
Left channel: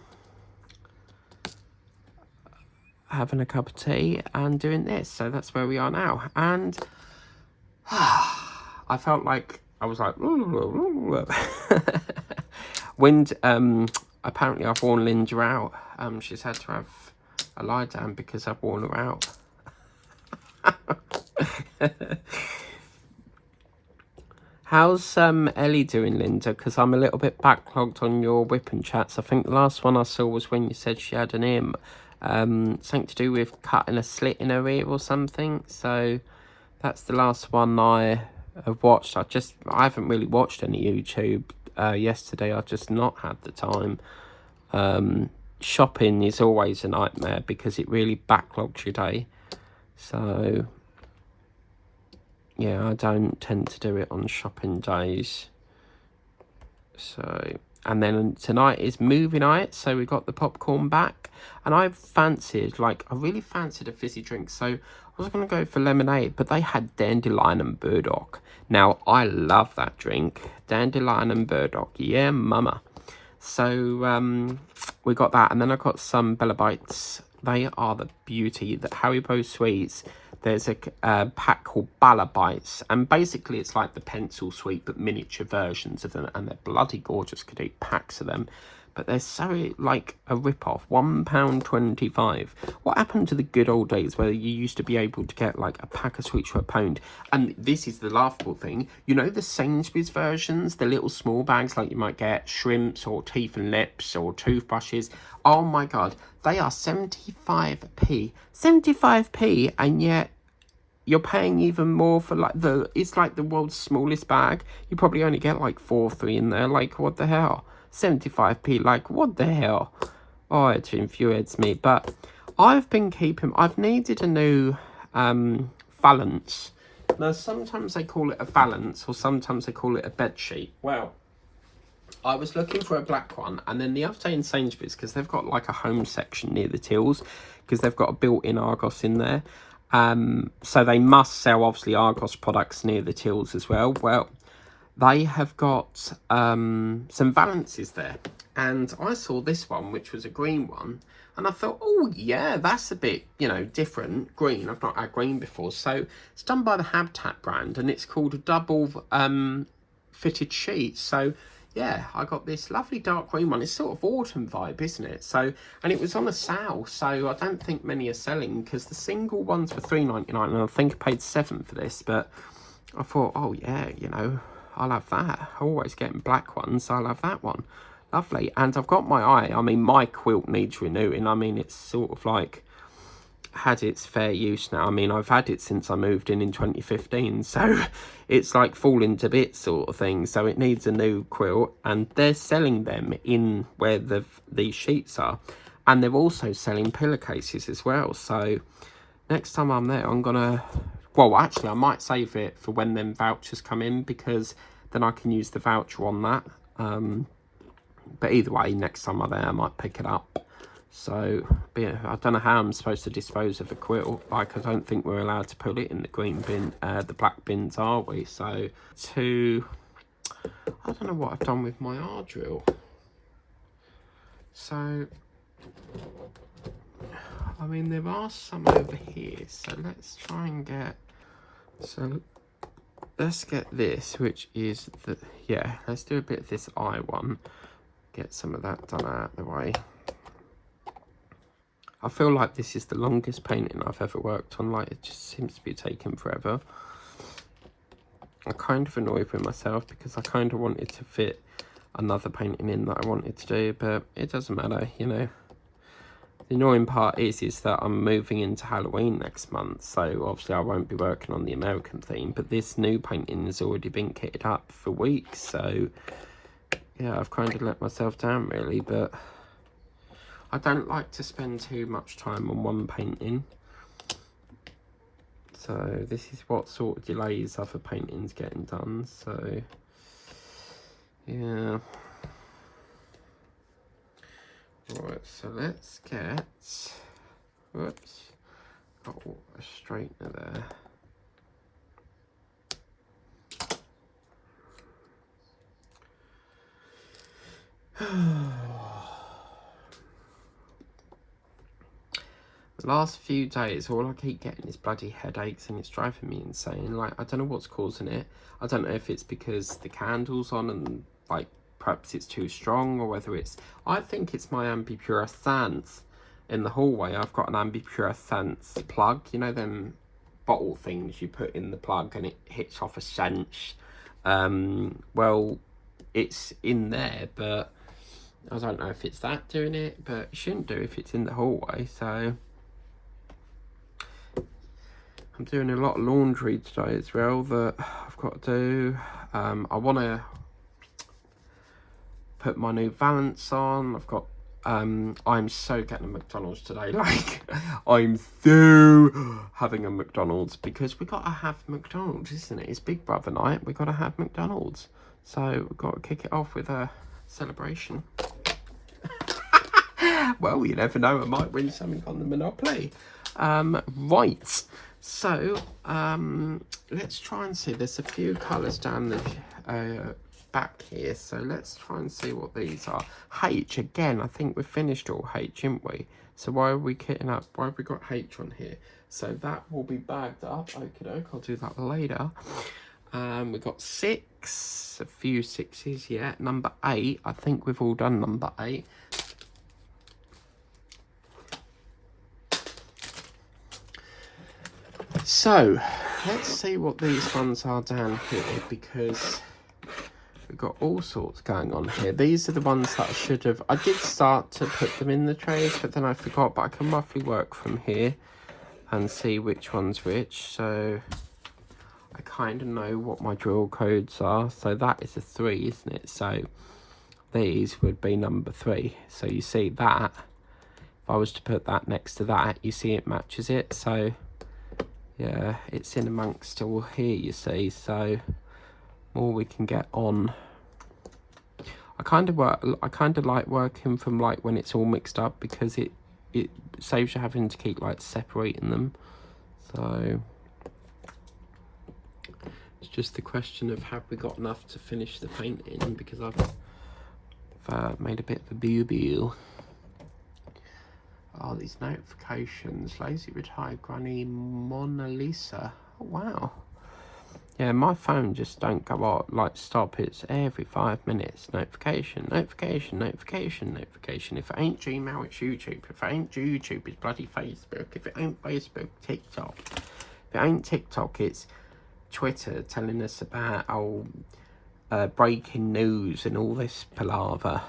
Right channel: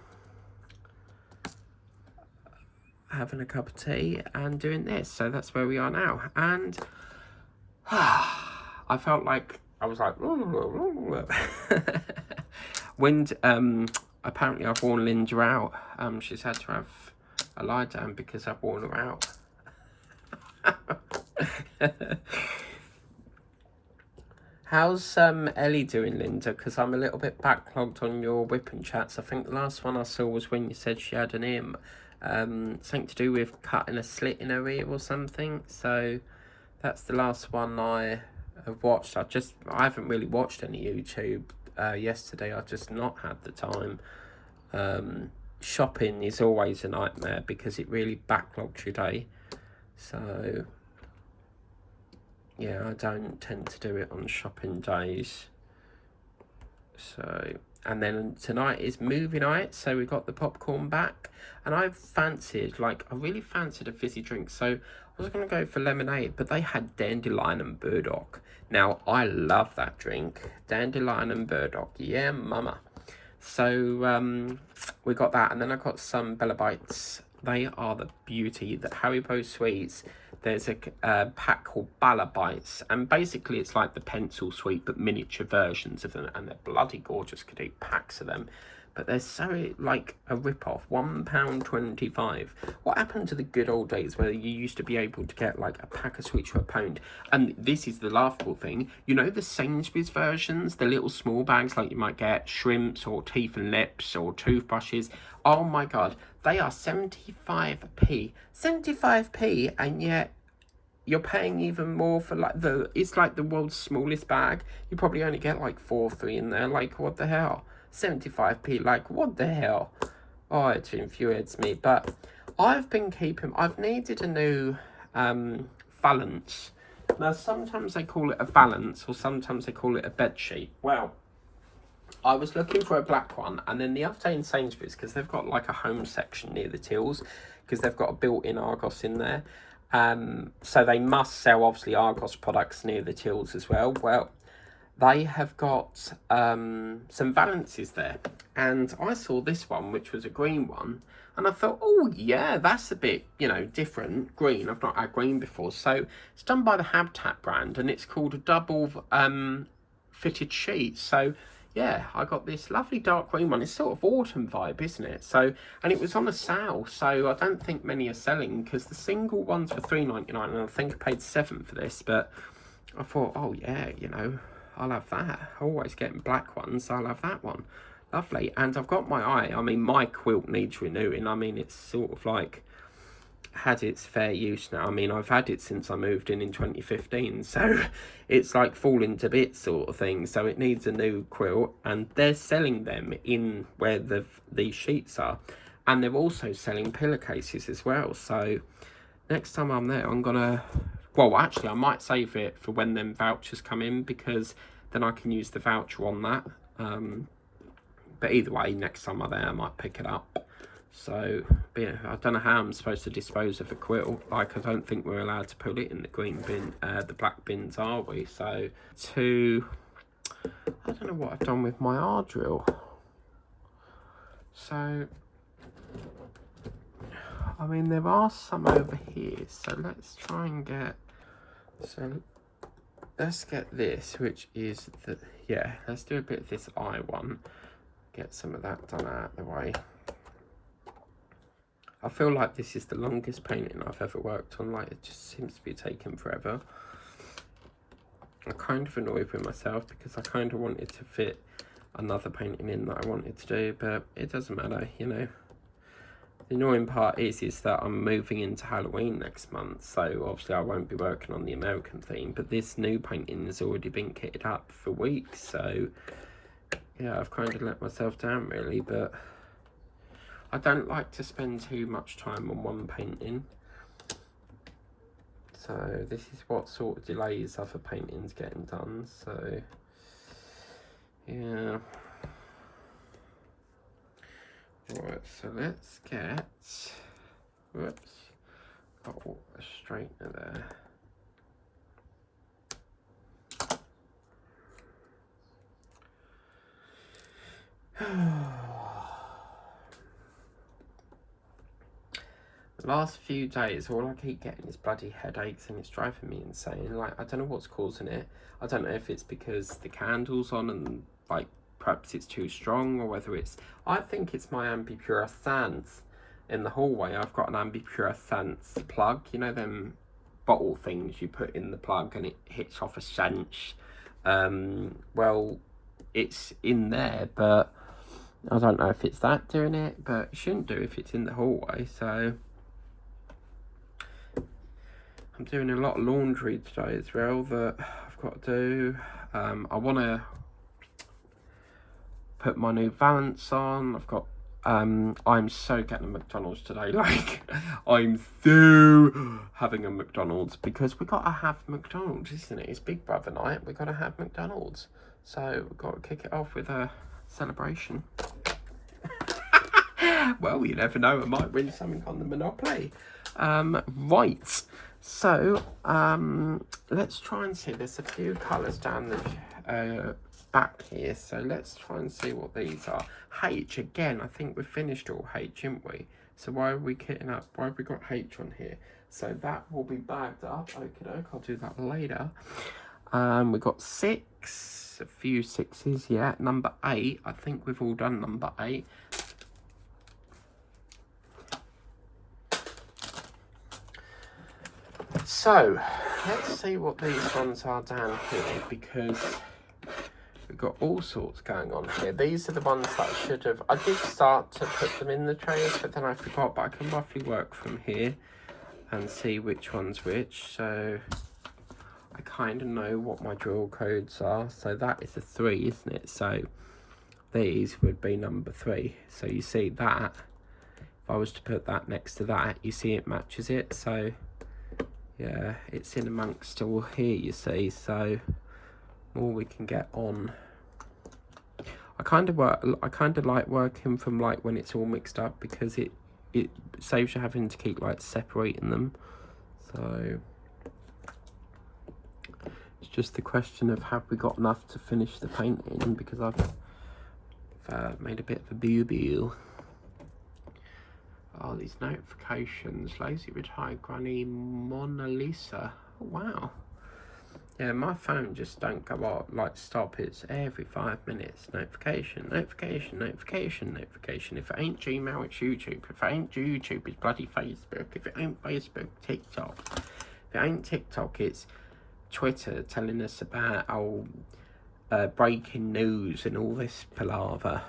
having a cup of tea and doing this, so that's where we are now. And I felt like I was like wind. Apparently I've worn Linda out. She's had to have a lie down because I've worn her out. How's Ellie doing, Linda? Because I'm a little bit backlogged on your whipping chats. I think the last one I saw was when you said she had an ear, something to do with cutting a slit in her ear or something. So that's the last one I have watched. I haven't really watched any YouTube yesterday. I just not had the time. Shopping is always a nightmare because it really backlogs your day. So yeah, I don't tend to do it on shopping days. So, and then tonight is movie night, so we got the popcorn back, and I really fancied a fizzy drink, so I was going to go for lemonade, but they had dandelion and burdock. Now, I love that drink, dandelion and burdock, yeah mama. So we got that, and then I got some Bella Bites. They are the beauty. The Haribo sweets, there's a pack called Bella Bites, and basically it's like the pencil sweet but miniature versions of them, and they're bloody gorgeous. Could eat packs of them, but they're so like a rip-off. £1.25. What happened to the good old days where you used to be able to get like a pack of sweets for £1? And this is the laughable thing, you know, the Sainsbury's versions, the little small bags, like you might get shrimps or teeth and lips or toothbrushes. Oh my god, they are 75p. 75p, and yet you're paying even more for like it's like the world's smallest bag. You probably only get like 4 or 3 in there. Like, what the hell? 75p, like, what the hell? Oh, it infuriates me. But I've needed a new valance. Now, sometimes they call it a valance, or sometimes they call it a bed sheet. Well, I was looking for a black one, and then the other day in Sainsbury's, because they've got like a home section near the tills, because they've got a built-in Argos in there. So they must sell, obviously, Argos products near the tills as well. Well, they have got some valances there, and I saw this one, which was a green one, and I thought, oh yeah, that's a bit, you know, different green. I've not had green before. So it's done by the Habitat brand, and it's called a double fitted sheet. So yeah, I got this lovely dark green one. It's sort of autumn vibe, isn't it? So, and it was on a sale, so I don't think many are selling, because the single ones were £3.99, and I think I paid £7 for this. But I thought, oh yeah, you know, I'll have that. Always getting black ones, so I'll have that one. Lovely. And I've got my eye. I mean, my quilt needs renewing. I mean, it's sort of like had its fair use now. I mean, I've had it since I moved in 2015, so it's like falling to bits sort of thing. So it needs a new quilt, and they're selling them in where these sheets are, and they're also selling pillowcases as well. So next time I'm there, I'm gonna, well, actually I might save it for when them vouchers come in, because then I can use the voucher on that. But either way, next time I'm there, I might pick it up. So, yeah, I don't know how I'm supposed to dispose of a quilt. Like, I don't think we're allowed to put it in the green bin, the black bins, are we? So, I don't know what I've done with my R drill. So, I mean, there are some over here. So, let's try and get, so let's get this, which is yeah, let's do a bit of this eye one. Get some of that done out of the way. I feel like this is the longest painting I've ever worked on. Like, it just seems to be taking forever. I'm kind of annoyed with myself because I kind of wanted to fit another painting in that I wanted to do, but it doesn't matter, you know. The annoying part is that I'm moving into Halloween next month, so obviously I won't be working on the American theme, but this new painting has already been kitted up for weeks, so yeah, I've kind of let myself down really, but I don't like to spend too much time on one painting. So this is what sort of delays other paintings getting done, so yeah. Right, so let's get, whoops, got a straightener there. The last few days, all I keep getting is bloody headaches, and it's driving me insane. Like, I don't know what's causing it. I don't know if it's because the candle's on and, like, perhaps it's too strong, or whether it's... I think it's my ambipuressence in the hallway. I've got an ambipuressence plug. You know them bottle things you put in the plug and it hits off a scent? Well, it's in there, but I don't know if it's that doing it, but it shouldn't do if it's in the hallway, so... I'm doing a lot of laundry today as well that I've got to do. I want to put my new Valance on. I've got, I'm so getting a McDonald's today. Like, I'm so having a McDonald's because we got to have McDonald's, isn't it? It's Big Brother night. We got to have McDonald's. So we've got to kick it off with a celebration. Well, you never know. I might win something on the Monopoly. Right. So, let's try and see. There's a few colours down the back here. So let's try and see what these are. H, again, I think we finished all H, didn't we? So why are we kitting up? Why have we got H on here? So that will be bagged up. Okie doke, I'll do that later. We've got 6, a few 6s, yeah. Number 8, I think we've all done number 8. So, let's see what these ones are down here, because we've got all sorts going on here. These are the ones that I should have... I did start to put them in the trays, but then I forgot. But I can roughly work from here and see which one's which. So, I kind of know what my drill codes are. So, that is a 3, isn't it? So, these would be number 3. So, you see that. If I was to put that next to that, you see it matches it. So... yeah, it's in amongst all here, you see, so more we can get on. I kind of like working from like when it's all mixed up, because it saves you having to keep like separating them. So it's just the question of, have we got enough to finish the painting, because I've made a bit of a boo-boo. Oh, these notifications. Lazy retired granny Mona Lisa. Oh, wow. Yeah, my phone just don't go off, like stop. It's every 5 minutes. Notification, notification, notification, notification. If it ain't Gmail, it's YouTube. If it ain't YouTube, it's bloody Facebook. If it ain't Facebook, TikTok. If it ain't TikTok, it's Twitter telling us about breaking news and all this palaver.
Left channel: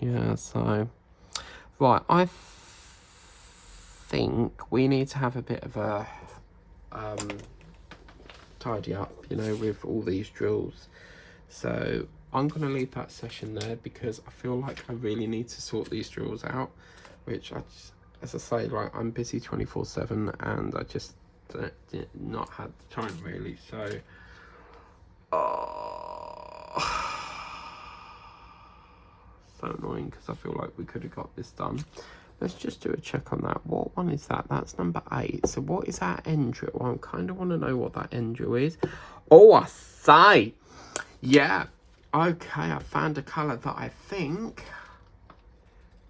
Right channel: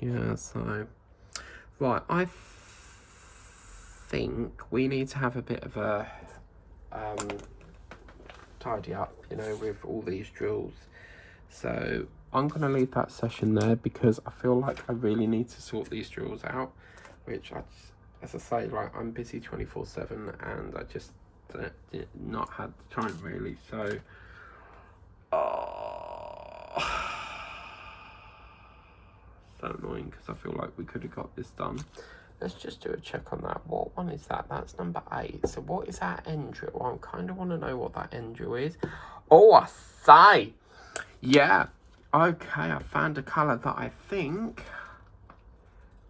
Yeah, so right, I think we need to have a bit of a tidy up, you know, with all these drills. So I'm gonna leave that session there, because I feel like I really need to sort these drills out, which as I say, like, I'm busy 24/7 and I just did not had the time really. So so annoying, because I feel like we could have got this done. Let's just do a check on that. What one is that? That's number 8. So what is that end drill? Well, I kind of want to know what that end drill is. Oh, I say. Yeah. Okay, I found a colour that I think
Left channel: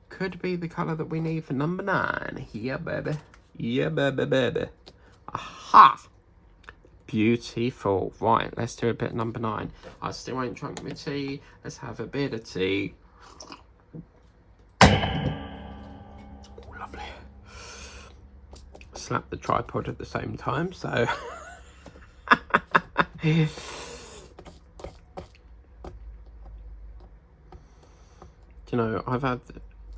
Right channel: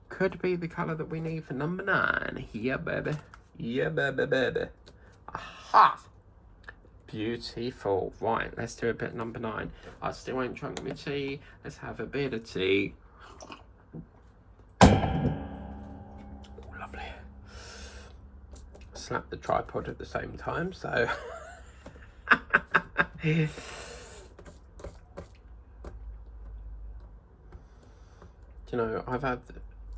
could be the colour that we need for number 9. Yeah, baby. Yeah, baby, baby. Aha. Beautiful. Right, let's do a bit of number 9. I still ain't drunk my tea. Let's have a bit of tea. Slap the tripod at the same time, so you know, I've had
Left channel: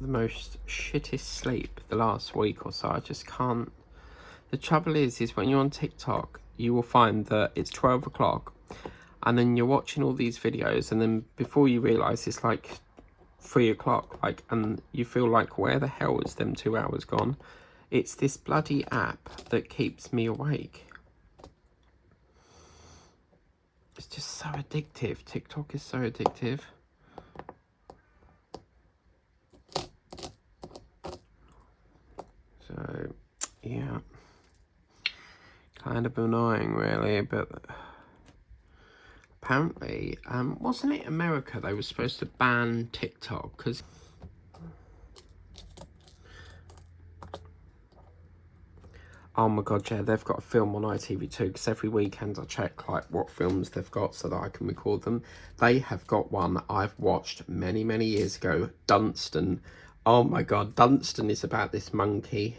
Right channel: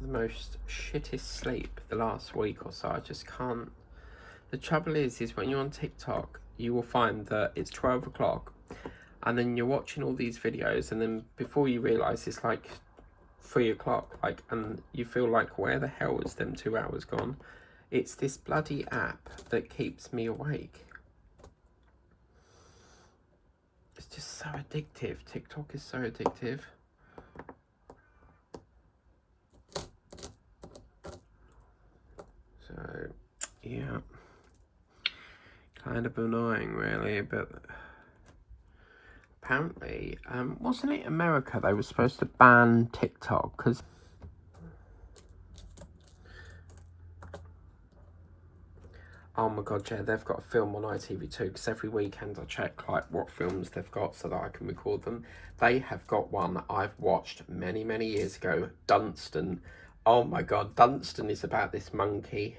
the most shittest sleep the last week or so. I just can't. The trouble is when you're on TikTok, you will find that it's 12 o'clock and then you're watching all these videos, and then before you realise it's like 3 o'clock, like, and you feel like, where the hell is them 2 hours gone? It's this bloody app that keeps me awake. It's just so addictive. TikTok is so addictive. So, yeah. Kind of annoying, really, but apparently, wasn't it America they were supposed to ban TikTok? Because oh my god, yeah, they've got a film on ITV2, because every weekend I check like what films they've got so that I can record them. They have got one I've watched many, many years ago, Dunstan. Oh my god, Dunstan is about this monkey,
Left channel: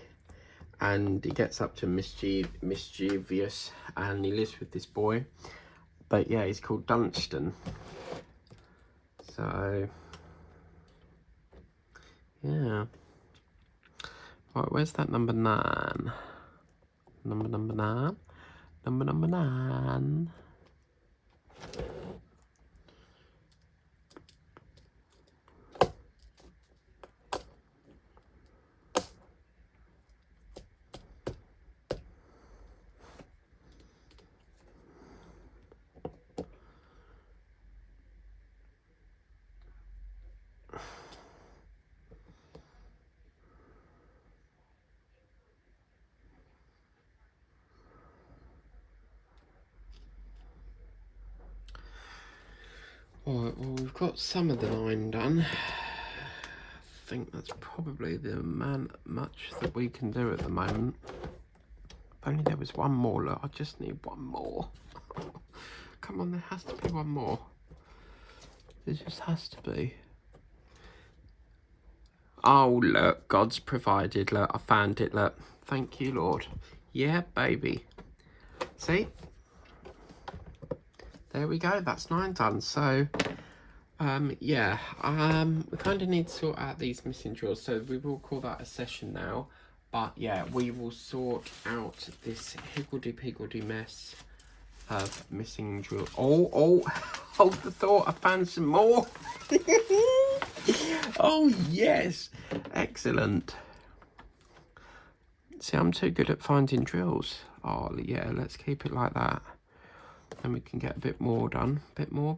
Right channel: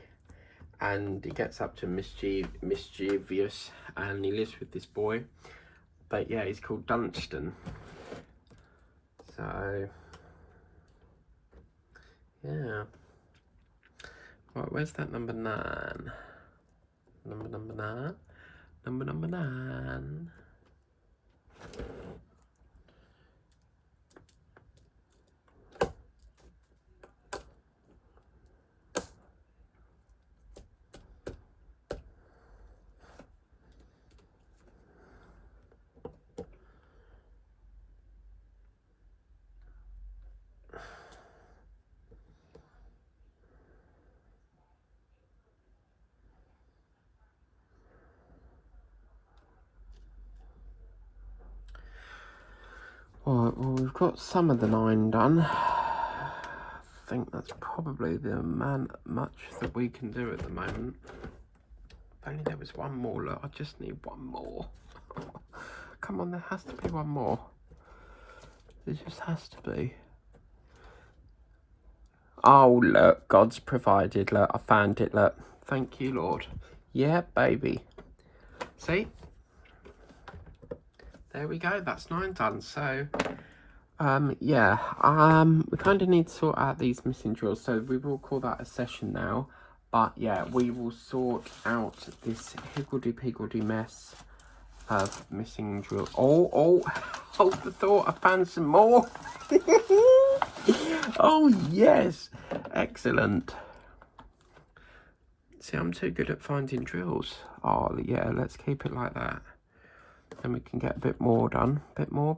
and he gets up to mischievous, and he lives with this boy. But yeah, he's called Dunstan. So yeah. Right, where's that number 9? Number 9. Number 9. Right, well, we've got some of the 9 done. I think that's probably the much that we can do at the moment. If only there was one more. Look, I just need one more. Come on, there has to be one more. There just has to be. Oh, look, God's provided. Look, I found it. Look, thank you, Lord. Yeah, baby. See? There we go. That's 9 done. So, yeah, we kind of need to sort out these missing drills. So we will call that a session now. But yeah, we will sort out this higgledy-piggledy mess of missing drills. Oh, hold the thought. I found some more. Oh, yes. Excellent. See, I'm too good at finding drills. Oh, yeah, let's keep it like that. And we can get a bit more done. Bit more.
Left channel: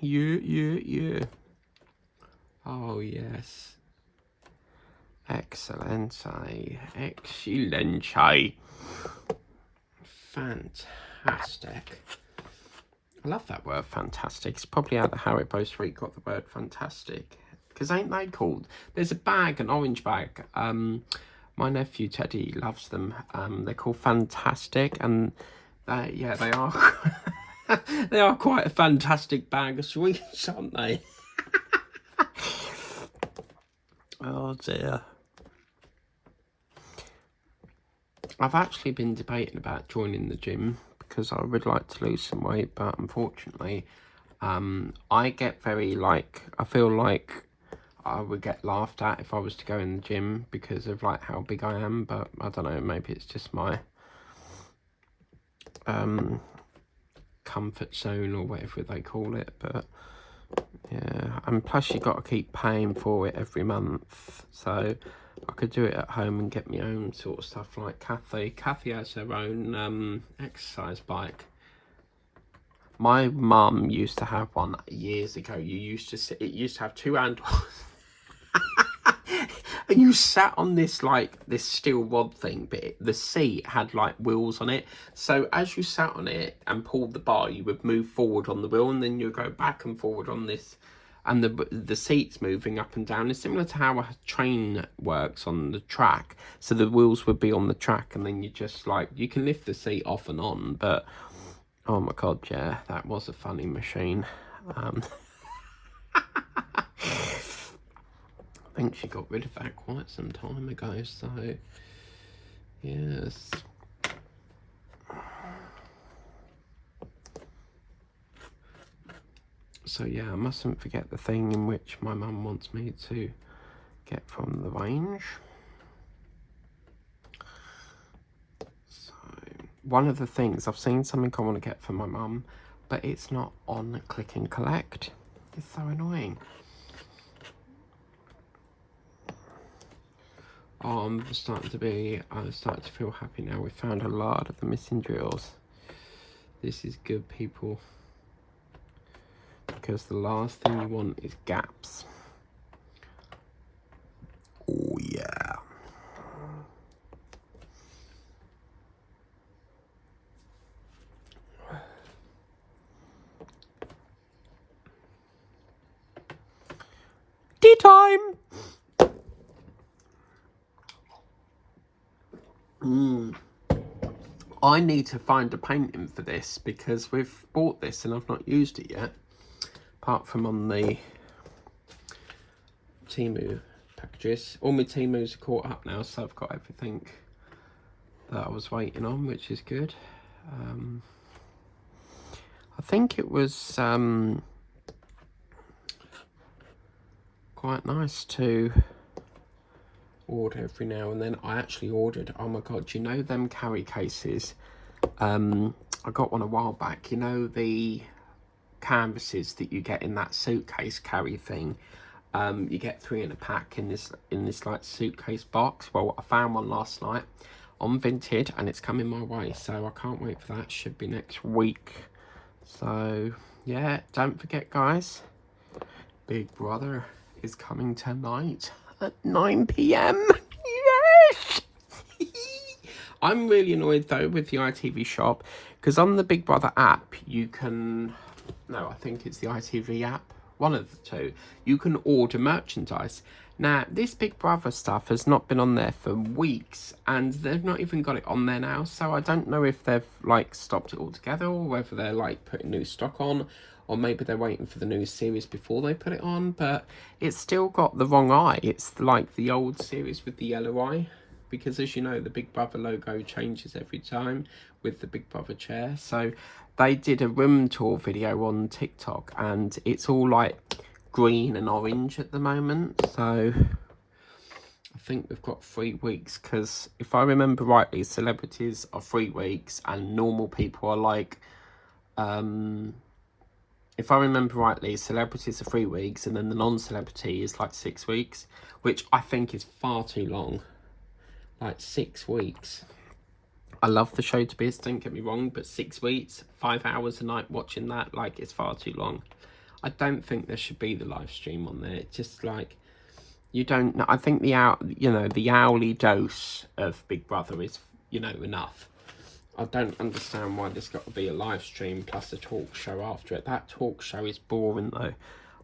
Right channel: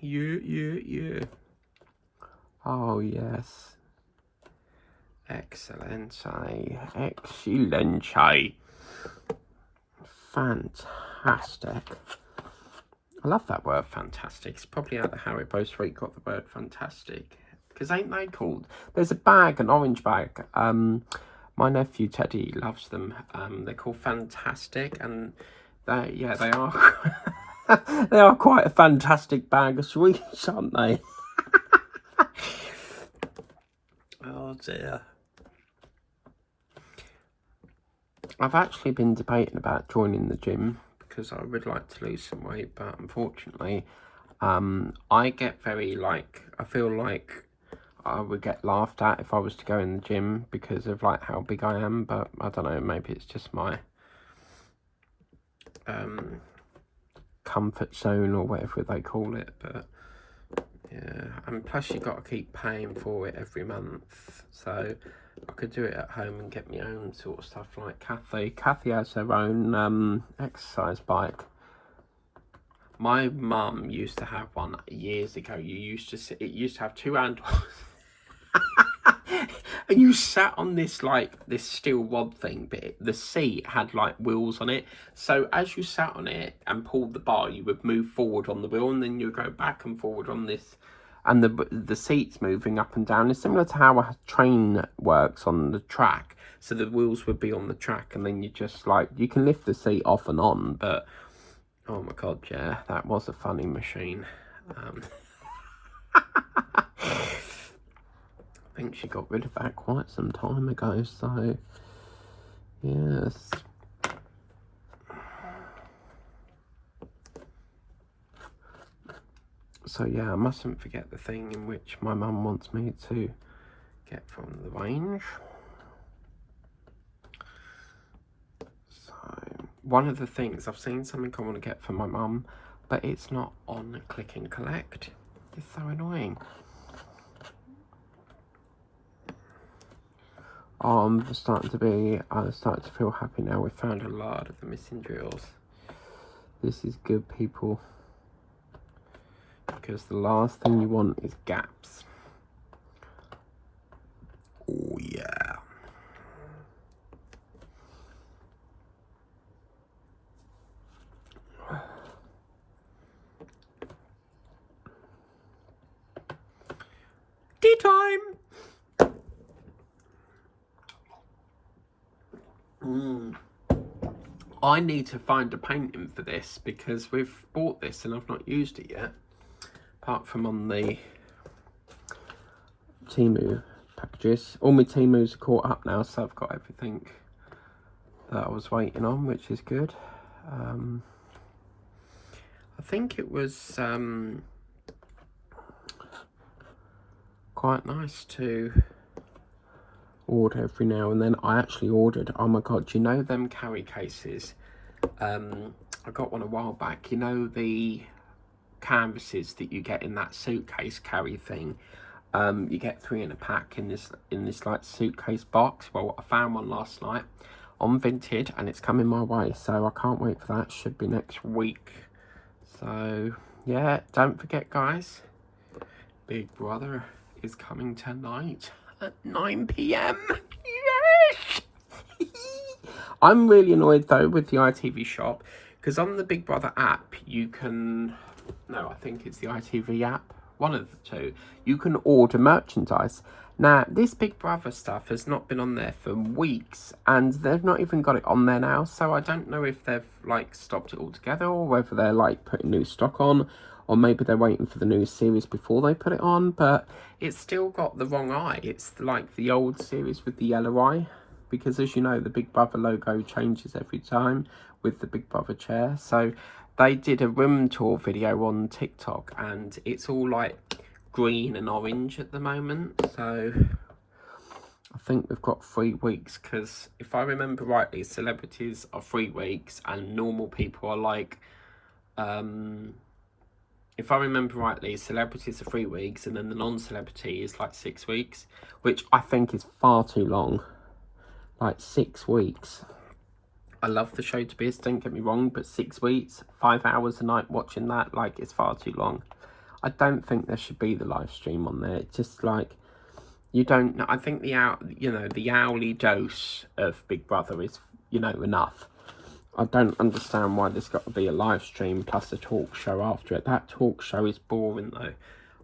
Yeah. Oh, yes. Excellent. Excellent. Fantastic. I love that word, fantastic. It's probably out of Haribo Street got the word fantastic. Because ain't they called? There's a bag, an orange bag. My nephew Teddy loves them. They're called Fantastic, and they are they are quite a fantastic bag of sweets, aren't they? Oh dear. I've actually been debating about joining the gym because I would like to lose some weight, but unfortunately, I get very I feel like I would get laughed at if I was to go in the gym because of like how big I am, but I don't know, maybe it's just my comfort zone or whatever they call it. But yeah, and plus you got to keep paying for it every month, so I could do it at home and get my own sort of stuff. Like Kathy has her own exercise bike. My mum used to have one years ago. It used to have 2 handles. And you sat on this this steel rod thing, but the seat had like wheels on it. So as you sat on it and pulled the bar, you would move forward on the wheel, and then you would go back and forward on this, and the seat's moving up and down. It's similar to how a train works on the track. So the wheels would be on the track, and then you just you can lift the seat off and on. But oh my god, yeah, that was a funny machine. I think she got rid of that quite some time ago, so yes. So yeah, I mustn't forget the thing in which my mum wants me to get from the range. So one of the things, I've seen something I want to get for my mum, but it's not on click and collect. It's so annoying. I'm starting to feel happy now. We found a lot of the missing drills. This is good, people, because the last thing you want is gaps. Oh yeah. Tea time. I need to find a painting for this because we've bought this and I've not used it yet, apart from on the Temu packages. All my Temus are caught up now, so I've got everything that I was waiting on, which is good. I think it was quite nice to order every now and then. I actually ordered, oh my god, you know them carry cases? I got one a while back. You know the canvases that you get in that suitcase carry thing? You get 3 in a pack in this like suitcase box. Well, I found one last night on Vinted and it's coming my way, so I can't wait for that. Should be next week. So yeah, don't forget guys, Big Brother is coming tonight at 9 PM. Yes. I'm really annoyed though with the ITV shop, because on the Big Brother app you can, no, I think it's the ITV app, one of the two, you can order merchandise. Now this Big Brother stuff has not been on there for weeks and they've not even got it on there now, so I don't know if they've like stopped it altogether or whether they're like putting new stock on, or maybe they're waiting for the new series before they put it on. But it's still got the wrong eye. It's like the old series with the yellow eye, because as you know the Big Brother logo changes every time with the Big Brother chair. So they did a room tour video on TikTok and it's all like green and orange at the moment. So I think we've got 3 weeks, because if I remember rightly, celebrities are 3 weeks and normal people are like, if I remember rightly, celebrities are 3 weeks and then the non-celebrity is like 6 weeks, which I think is far too long. Like 6 weeks. I love the show to bits, don't get me wrong, but 6 weeks, 5 hours a night watching that, like, it's far too long. I don't think there should be the live stream on there. It's just like, you don't, I think the hourly dose of Big Brother is, enough. I don't understand why there's got to be a live stream plus a talk show after it. That talk show is boring though.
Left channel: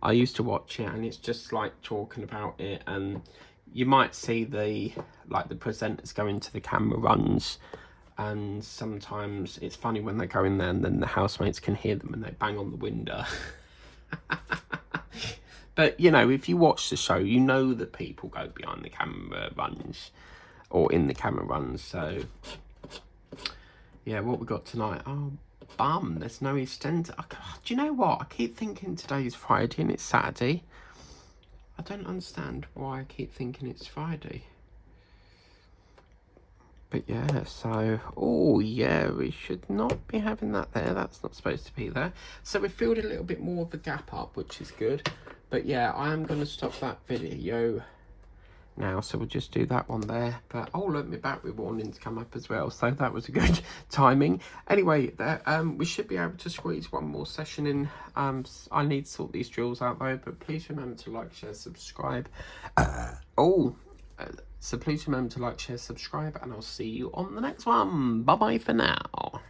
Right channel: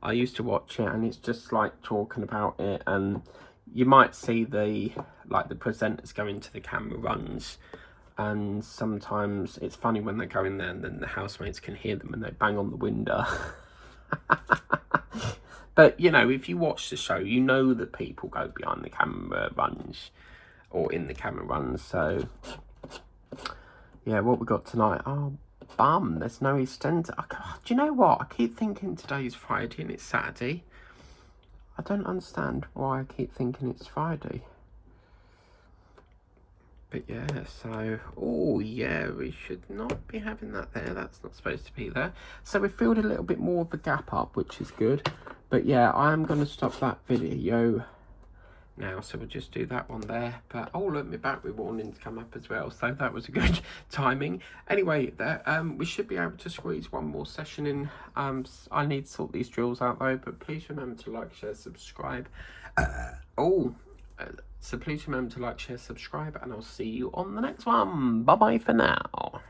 I used to watch it and it's just like talking about it, and you might see the presenters go into the camera runs, and sometimes it's funny when they go in there and then the housemates can hear them and they bang on the window. But if you watch the show, you know that people go behind the camera runs or in the camera runs. So yeah, what we got tonight? Oh, bum, there's no EastEnders. Do you know what? I keep thinking today's Friday and it's Saturday. I don't understand why I keep thinking it's Friday. But yeah, so, oh yeah, we should not be having that there. That's not supposed to be there. So we filled a little bit more of the gap up, which is good. But yeah, I am going to stop that video now, so we'll just do that one there. But oh look, my battery warning's come up as well, so that was a good timing. Anyway, we should be able to squeeze one more session in. I need to sort these drills out though, but please remember to like, share, subscribe. So please remember to like, share, subscribe, and I'll see you on the next one. Bye bye for now.